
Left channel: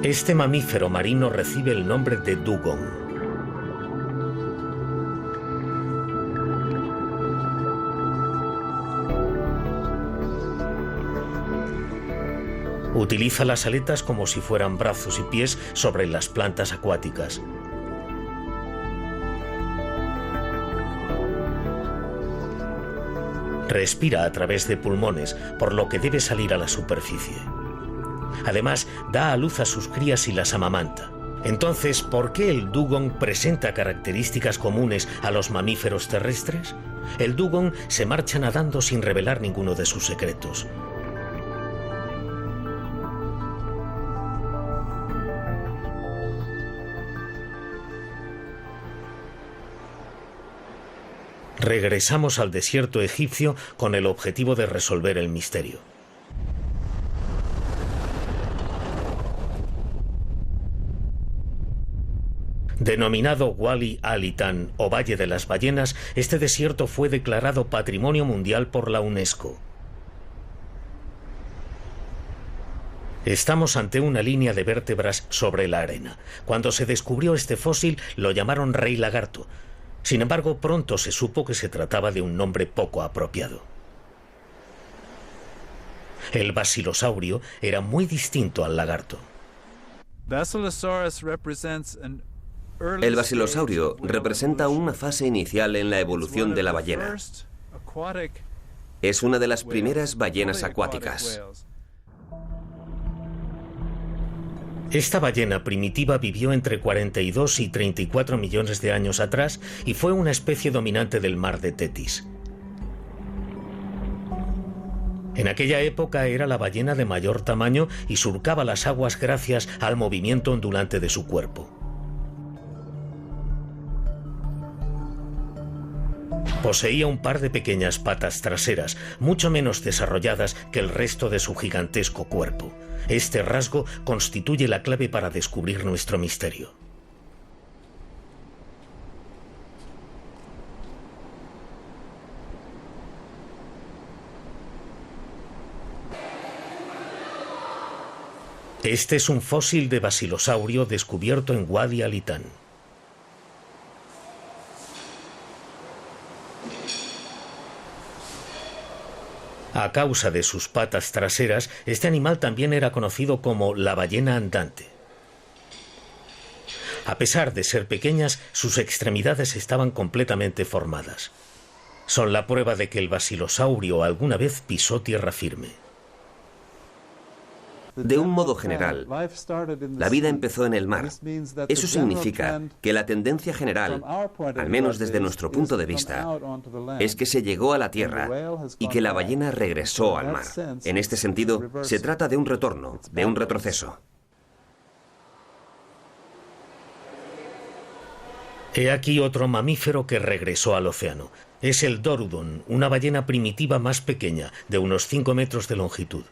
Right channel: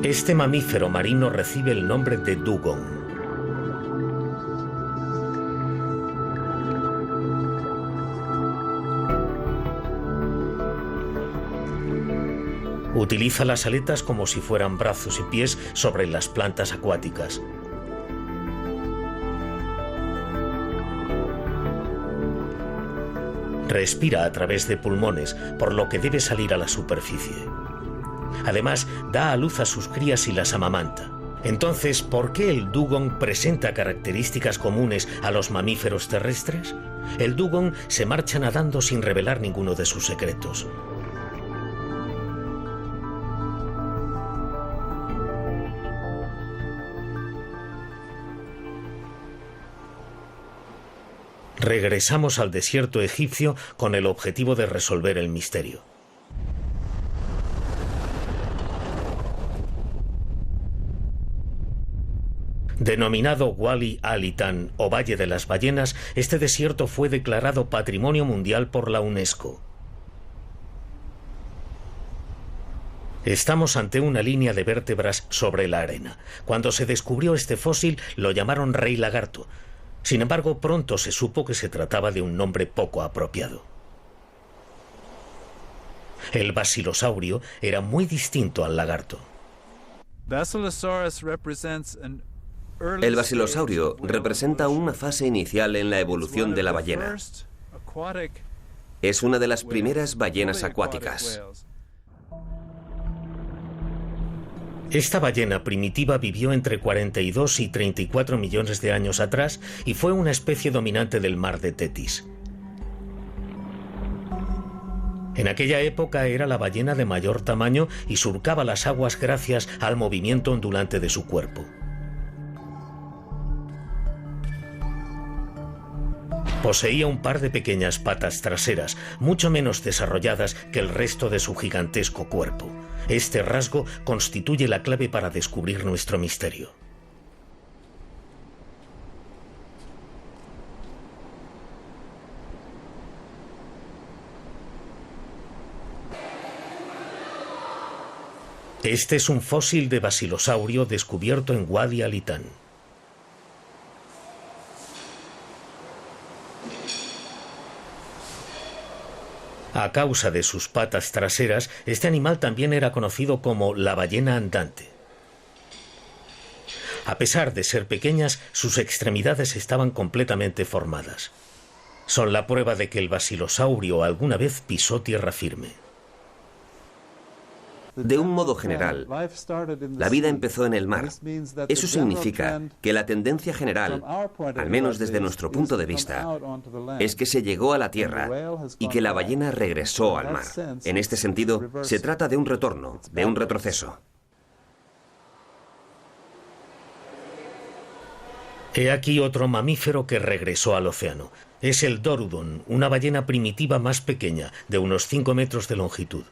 Este mamífero marino recibe el nombre de dugong. Utiliza las aletas como si fueran brazos y pies sobre las plantas acuáticas. Respira a través de pulmones, por lo que debe salir a la superficie. Además, da a luz a sus crías y las amamanta. Entonces, ¿por qué el dugong presenta características comunes a los mamíferos terrestres? El dugong se marcha nadando sin revelar ninguno de sus secretos. Regresamos al desierto egipcio con el objetivo de resolver el misterio. Denominado Wadi al-Hitan o Valle de las Ballenas, este desierto fue declarado Patrimonio Mundial por la UNESCO. Estamos ante una línea de vértebras sobre la arena. Cuando se descubrió este fósil lo llamaron rey lagarto. Sin embargo, pronto se supo que se trataba de un nombre poco apropiado. El basilosaurio era muy distinto al lagarto. El basilosaurio representa una fase inicial en la evolución de la ballena. Es una de las primeras ballenas acuáticas. Esta ballena primitiva vivió entre 42 y 34 millones de años atrás y fue una especie dominante del mar de Tetis. En aquella época era la ballena de mayor tamaño y surcaba las aguas gracias al movimiento ondulante de su cuerpo. Poseía un par de pequeñas patas traseras, mucho menos desarrolladas que el resto de su gigantesco cuerpo. Este rasgo constituye la clave para descubrir nuestro misterio. Este es un fósil de basilosaurio descubierto en Wadi al-Hitan. A causa de sus patas traseras, este animal también era conocido como la ballena andante. A pesar de ser pequeñas, sus extremidades estaban completamente formadas. Son la prueba de que el basilosaurio alguna vez pisó tierra firme. De un modo general, la vida empezó en el mar. Eso significa que la tendencia general, al menos desde nuestro punto de vista, es que se llegó a la tierra y que la ballena regresó al mar. En este sentido, se trata de un retorno, de un retroceso. He aquí otro mamífero que regresó al océano. Es el Dorudon, una ballena primitiva más pequeña, de unos 5 metros de longitud.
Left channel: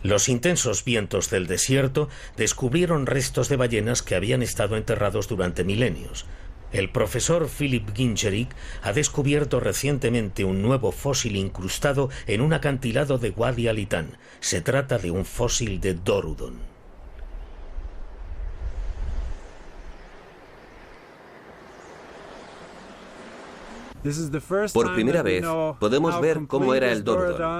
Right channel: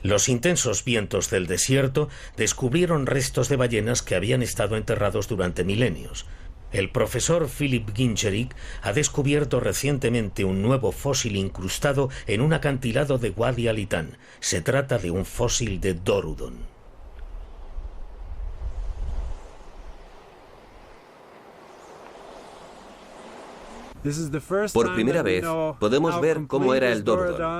Los intensos vientos del desierto descubrieron restos de ballenas que habían estado enterrados durante milenios. El profesor Philip Gingerich ha descubierto recientemente un nuevo fósil incrustado en un acantilado de Wadi al-Hitan. Se trata de un fósil de Dorudon. Por primera vez, podemos ver cómo era el Dorudon.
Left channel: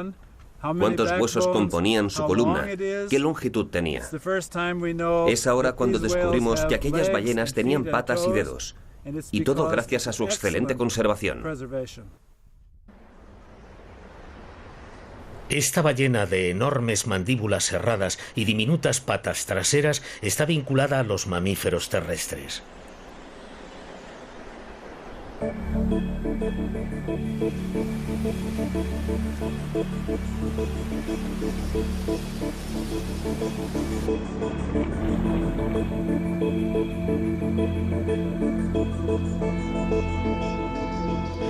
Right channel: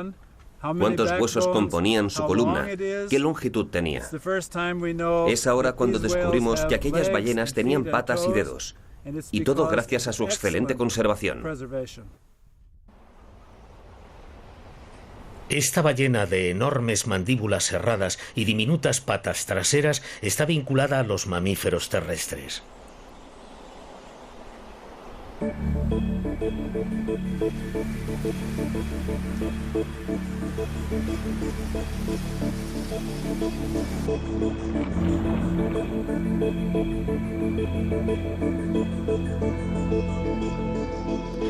Cuántos huesos componían su columna, qué longitud tenía. Es ahora cuando descubrimos que aquellas ballenas tenían patas y dedos, y todo gracias a su excelente conservación. Esta ballena de enormes mandíbulas serradas y diminutas patas traseras está vinculada a los mamíferos terrestres.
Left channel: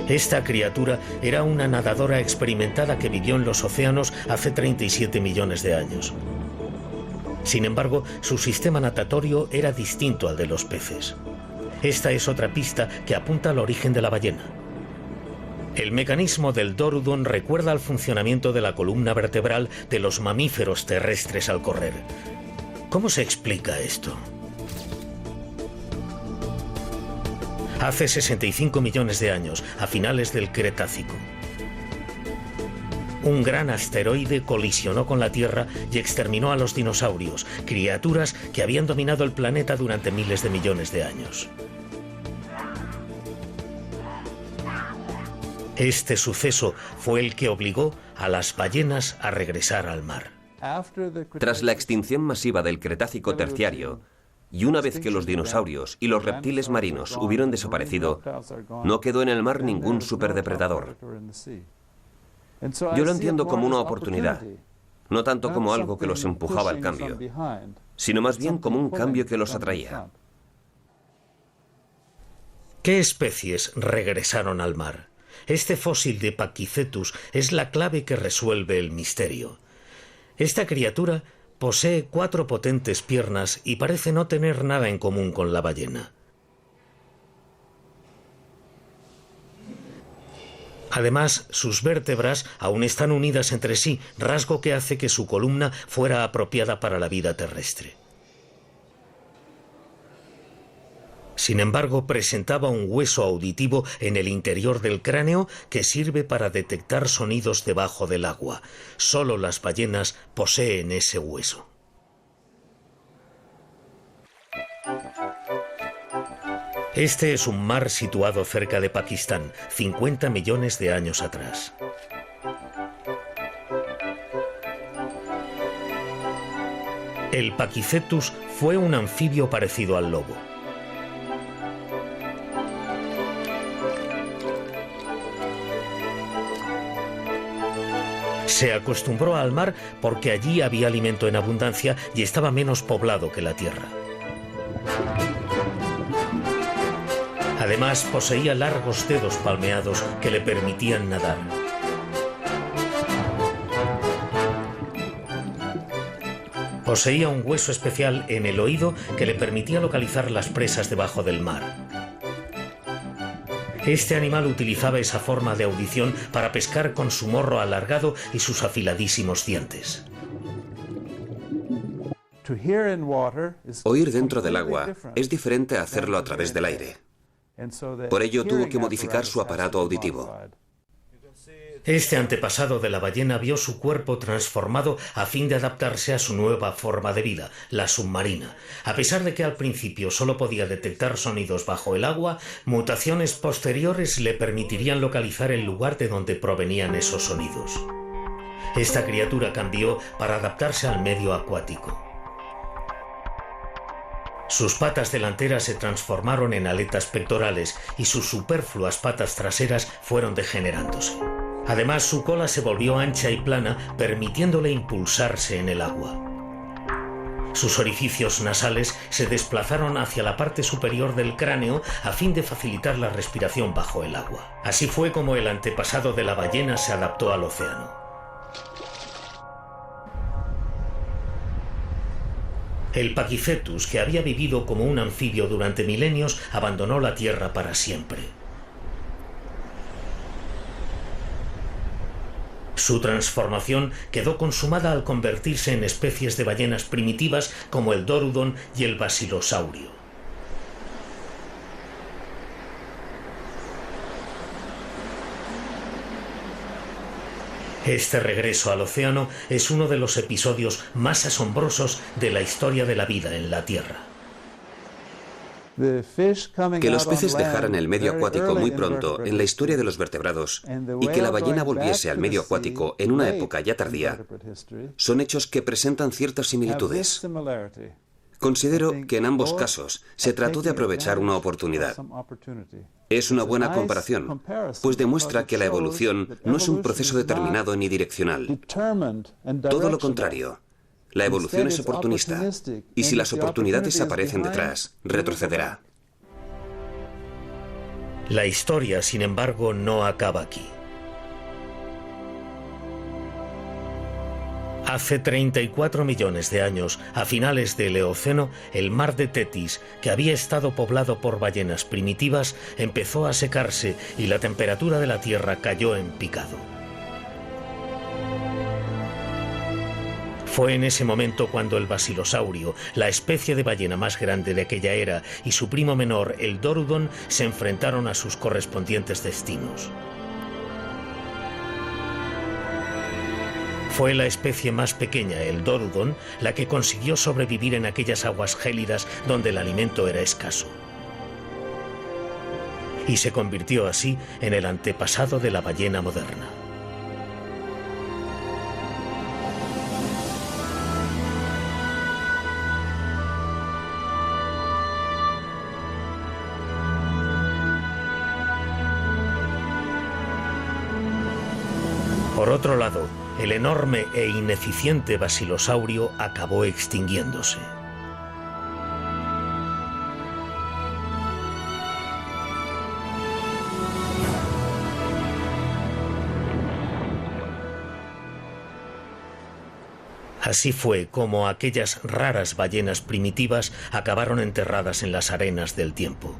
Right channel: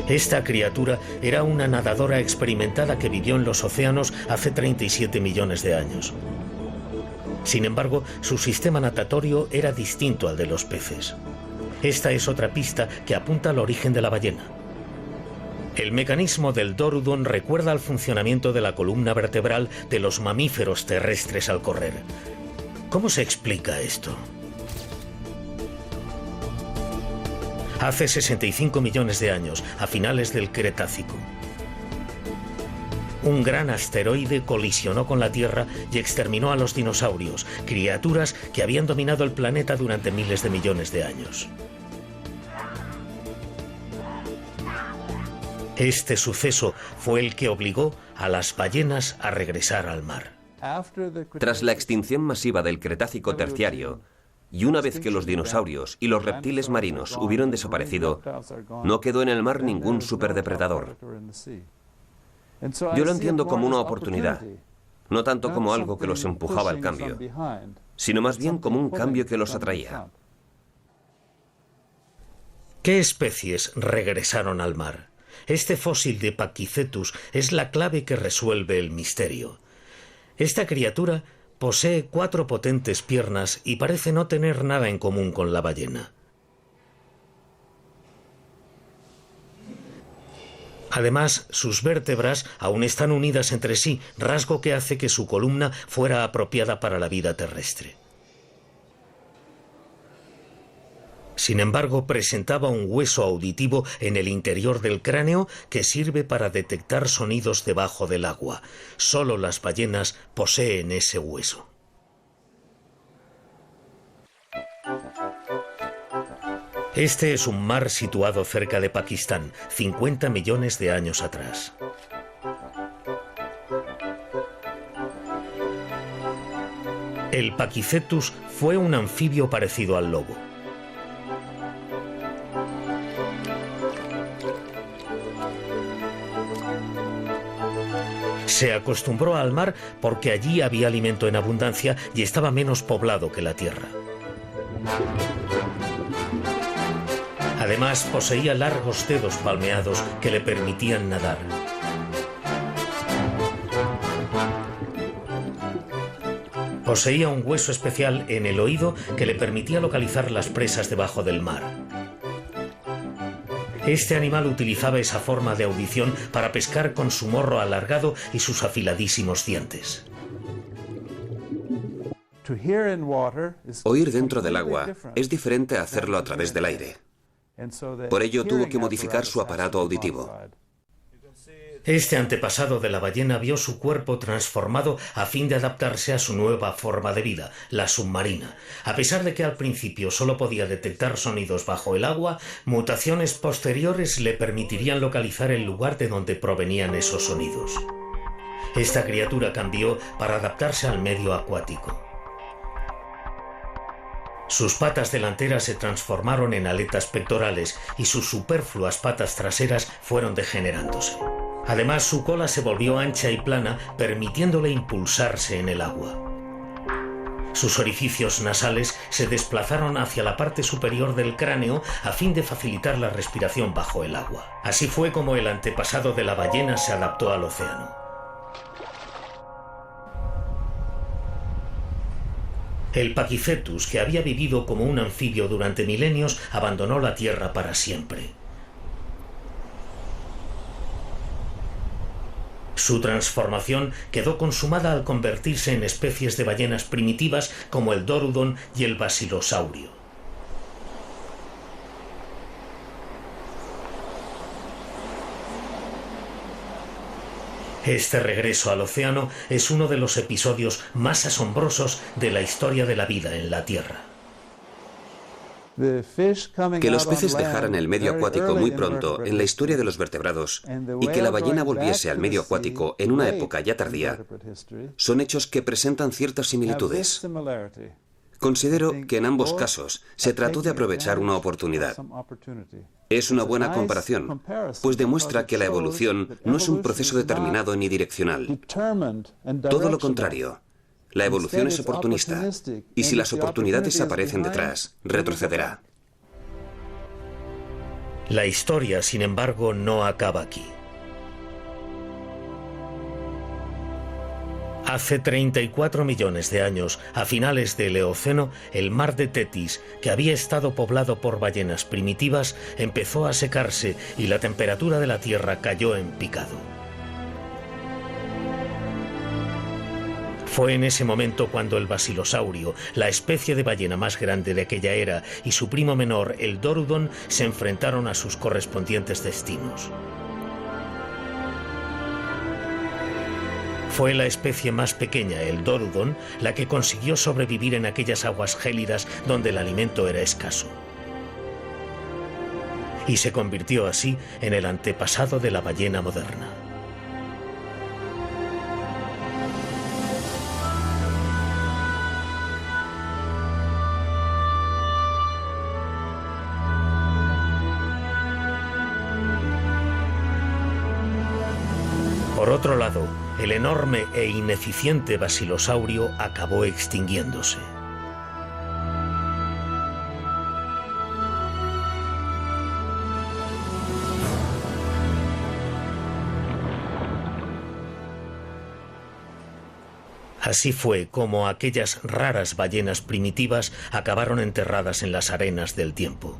Esta criatura era una nadadora experimentada que vivió en los océanos hace 37 millones de años. Sin embargo, su sistema natatorio era distinto al de los peces. Esta es otra pista que apunta al origen de la ballena. El mecanismo del Dorudon recuerda al funcionamiento de la columna vertebral de los mamíferos terrestres al correr. ¿Cómo se explica esto? Hace 65 millones de años, a finales del Cretácico, un gran asteroide colisionó con la Tierra y exterminó a los dinosaurios, criaturas que habían dominado el planeta durante miles de millones de años. Este suceso fue el que obligó a las ballenas a regresar al mar. Tras la extinción masiva del Cretácico terciario, y una vez que los dinosaurios y los reptiles marinos hubieron desaparecido, no quedó en el mar ningún superdepredador. Yo lo entiendo como una oportunidad, no tanto como algo que los empujaba al cambio, sino más bien como un cambio que los atraía. ¿Qué especies regresaron al mar? Este fósil de Pachycetus es la clave que resuelve el misterio. Esta criatura posee 4 potentes piernas y parece no tener nada en común con la ballena. Además, sus vértebras aún están unidas entre sí, rasgo que hace que su columna fuera apropiada para la vida terrestre. Sin embargo, presentaba un hueso auditivo en el interior del cráneo que sirve para detectar sonidos debajo del agua. Solo las ballenas poseen ese hueso. Este es un mar situado cerca de Pakistán, 50 millones de años atrás. El Pachycetus fue un anfibio parecido al lobo. Se acostumbró al mar porque allí había alimento en abundancia y estaba menos poblado que la tierra. Además, poseía largos dedos palmeados que le permitían nadar. Poseía un hueso especial en el oído que le permitía localizar las presas debajo del mar. Este animal utilizaba esa forma de audición para pescar con su morro alargado y sus afiladísimos dientes. Oír dentro del agua es diferente a hacerlo a través del aire. Por ello tuvo que modificar su aparato auditivo. Este antepasado de la ballena vio su cuerpo transformado a fin de adaptarse a su nueva forma de vida, la submarina. A pesar de que al principio solo podía detectar sonidos bajo el agua, mutaciones posteriores le permitirían localizar el lugar de donde provenían esos sonidos. Esta criatura cambió para adaptarse al medio acuático. Sus patas delanteras se transformaron en aletas pectorales y sus superfluas patas traseras fueron degenerándose. Además, su cola se volvió ancha y plana, permitiéndole impulsarse en el agua. Sus orificios nasales se desplazaron hacia la parte superior del cráneo a fin de facilitar la respiración bajo el agua. Así fue como el antepasado de la ballena se adaptó al océano. El Pachycetus, que había vivido como un anfibio durante milenios, abandonó la Tierra para siempre. Su transformación quedó consumada al convertirse en especies de ballenas primitivas como el Dorudon y el Basilosaurio. Este regreso al océano es uno de los episodios más asombrosos de la historia de la vida en la Tierra. Que los peces dejaran el medio acuático muy pronto en la historia de los vertebrados y que la ballena volviese al medio acuático en una época ya tardía, son hechos que presentan ciertas similitudes. Considero que en ambos casos se trató de aprovechar una oportunidad. Es una buena comparación, pues demuestra que la evolución no es un proceso determinado ni direccional. Todo lo contrario, la evolución es oportunista, y si las oportunidades aparecen detrás, retrocederá. La historia, sin embargo, no acaba aquí. Hace 34 millones de años, a finales del Eoceno, el mar de Tetis, que había estado poblado por ballenas primitivas, empezó a secarse y la temperatura de la Tierra cayó en picado. Fue en ese momento cuando el Basilosaurio, la especie de ballena más grande de aquella era, y su primo menor, el Dorudon, se enfrentaron a sus correspondientes destinos. Fue la especie más pequeña, el Dorudon, la que consiguió sobrevivir en aquellas aguas gélidas donde el alimento era escaso. y se convirtió así en el antepasado de la ballena moderna. Por otro lado, el enorme e ineficiente basilosaurio acabó extinguiéndose. Así fue como aquellas raras ballenas primitivas acabaron enterradas en las arenas del tiempo.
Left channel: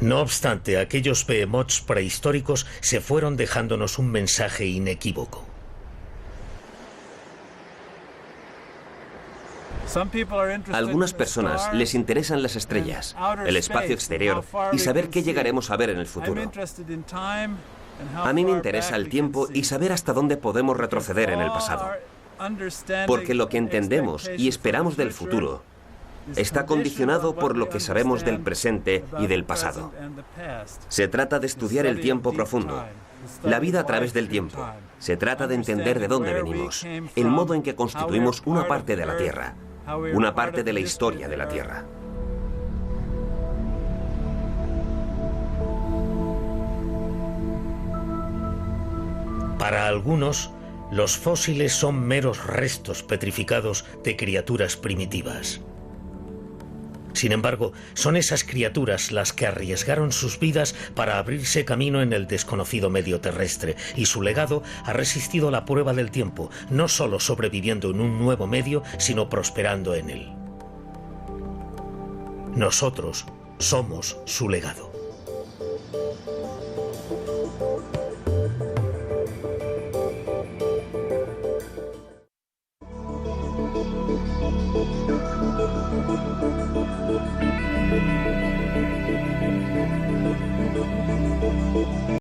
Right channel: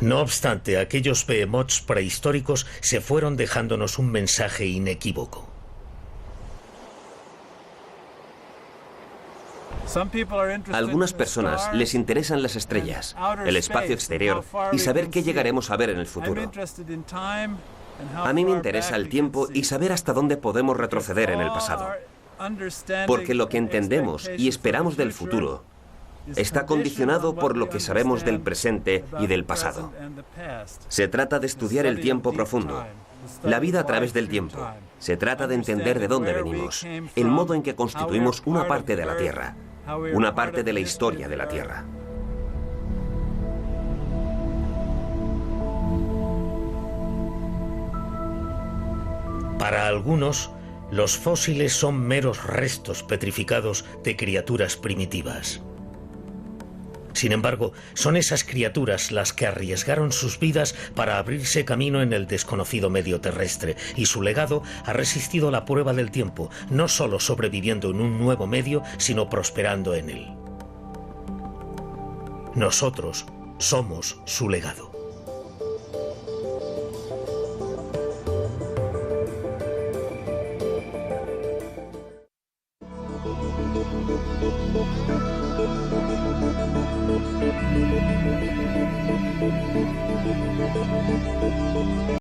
No obstante, aquellos behemoths prehistóricos se fueron dejándonos un mensaje inequívoco. A algunas personas les interesan las estrellas, el espacio exterior y saber qué llegaremos a ver en el futuro. A mí me interesa el tiempo y saber hasta dónde podemos retroceder en el pasado. Porque lo que entendemos y esperamos del futuro está condicionado por lo que sabemos del presente y del pasado. Se trata de estudiar el tiempo profundo, la vida a través del tiempo. Se trata de entender de dónde venimos, el modo en que constituimos una parte de la Tierra, una parte de la historia de la Tierra. Para algunos, los fósiles son meros restos petrificados de criaturas primitivas. Sin embargo, son esas criaturas las que arriesgaron sus vidas para abrirse camino en el desconocido medio terrestre, y su legado ha resistido la prueba del tiempo, no solo sobreviviendo en un nuevo medio, sino prosperando en él. Nosotros somos su legado.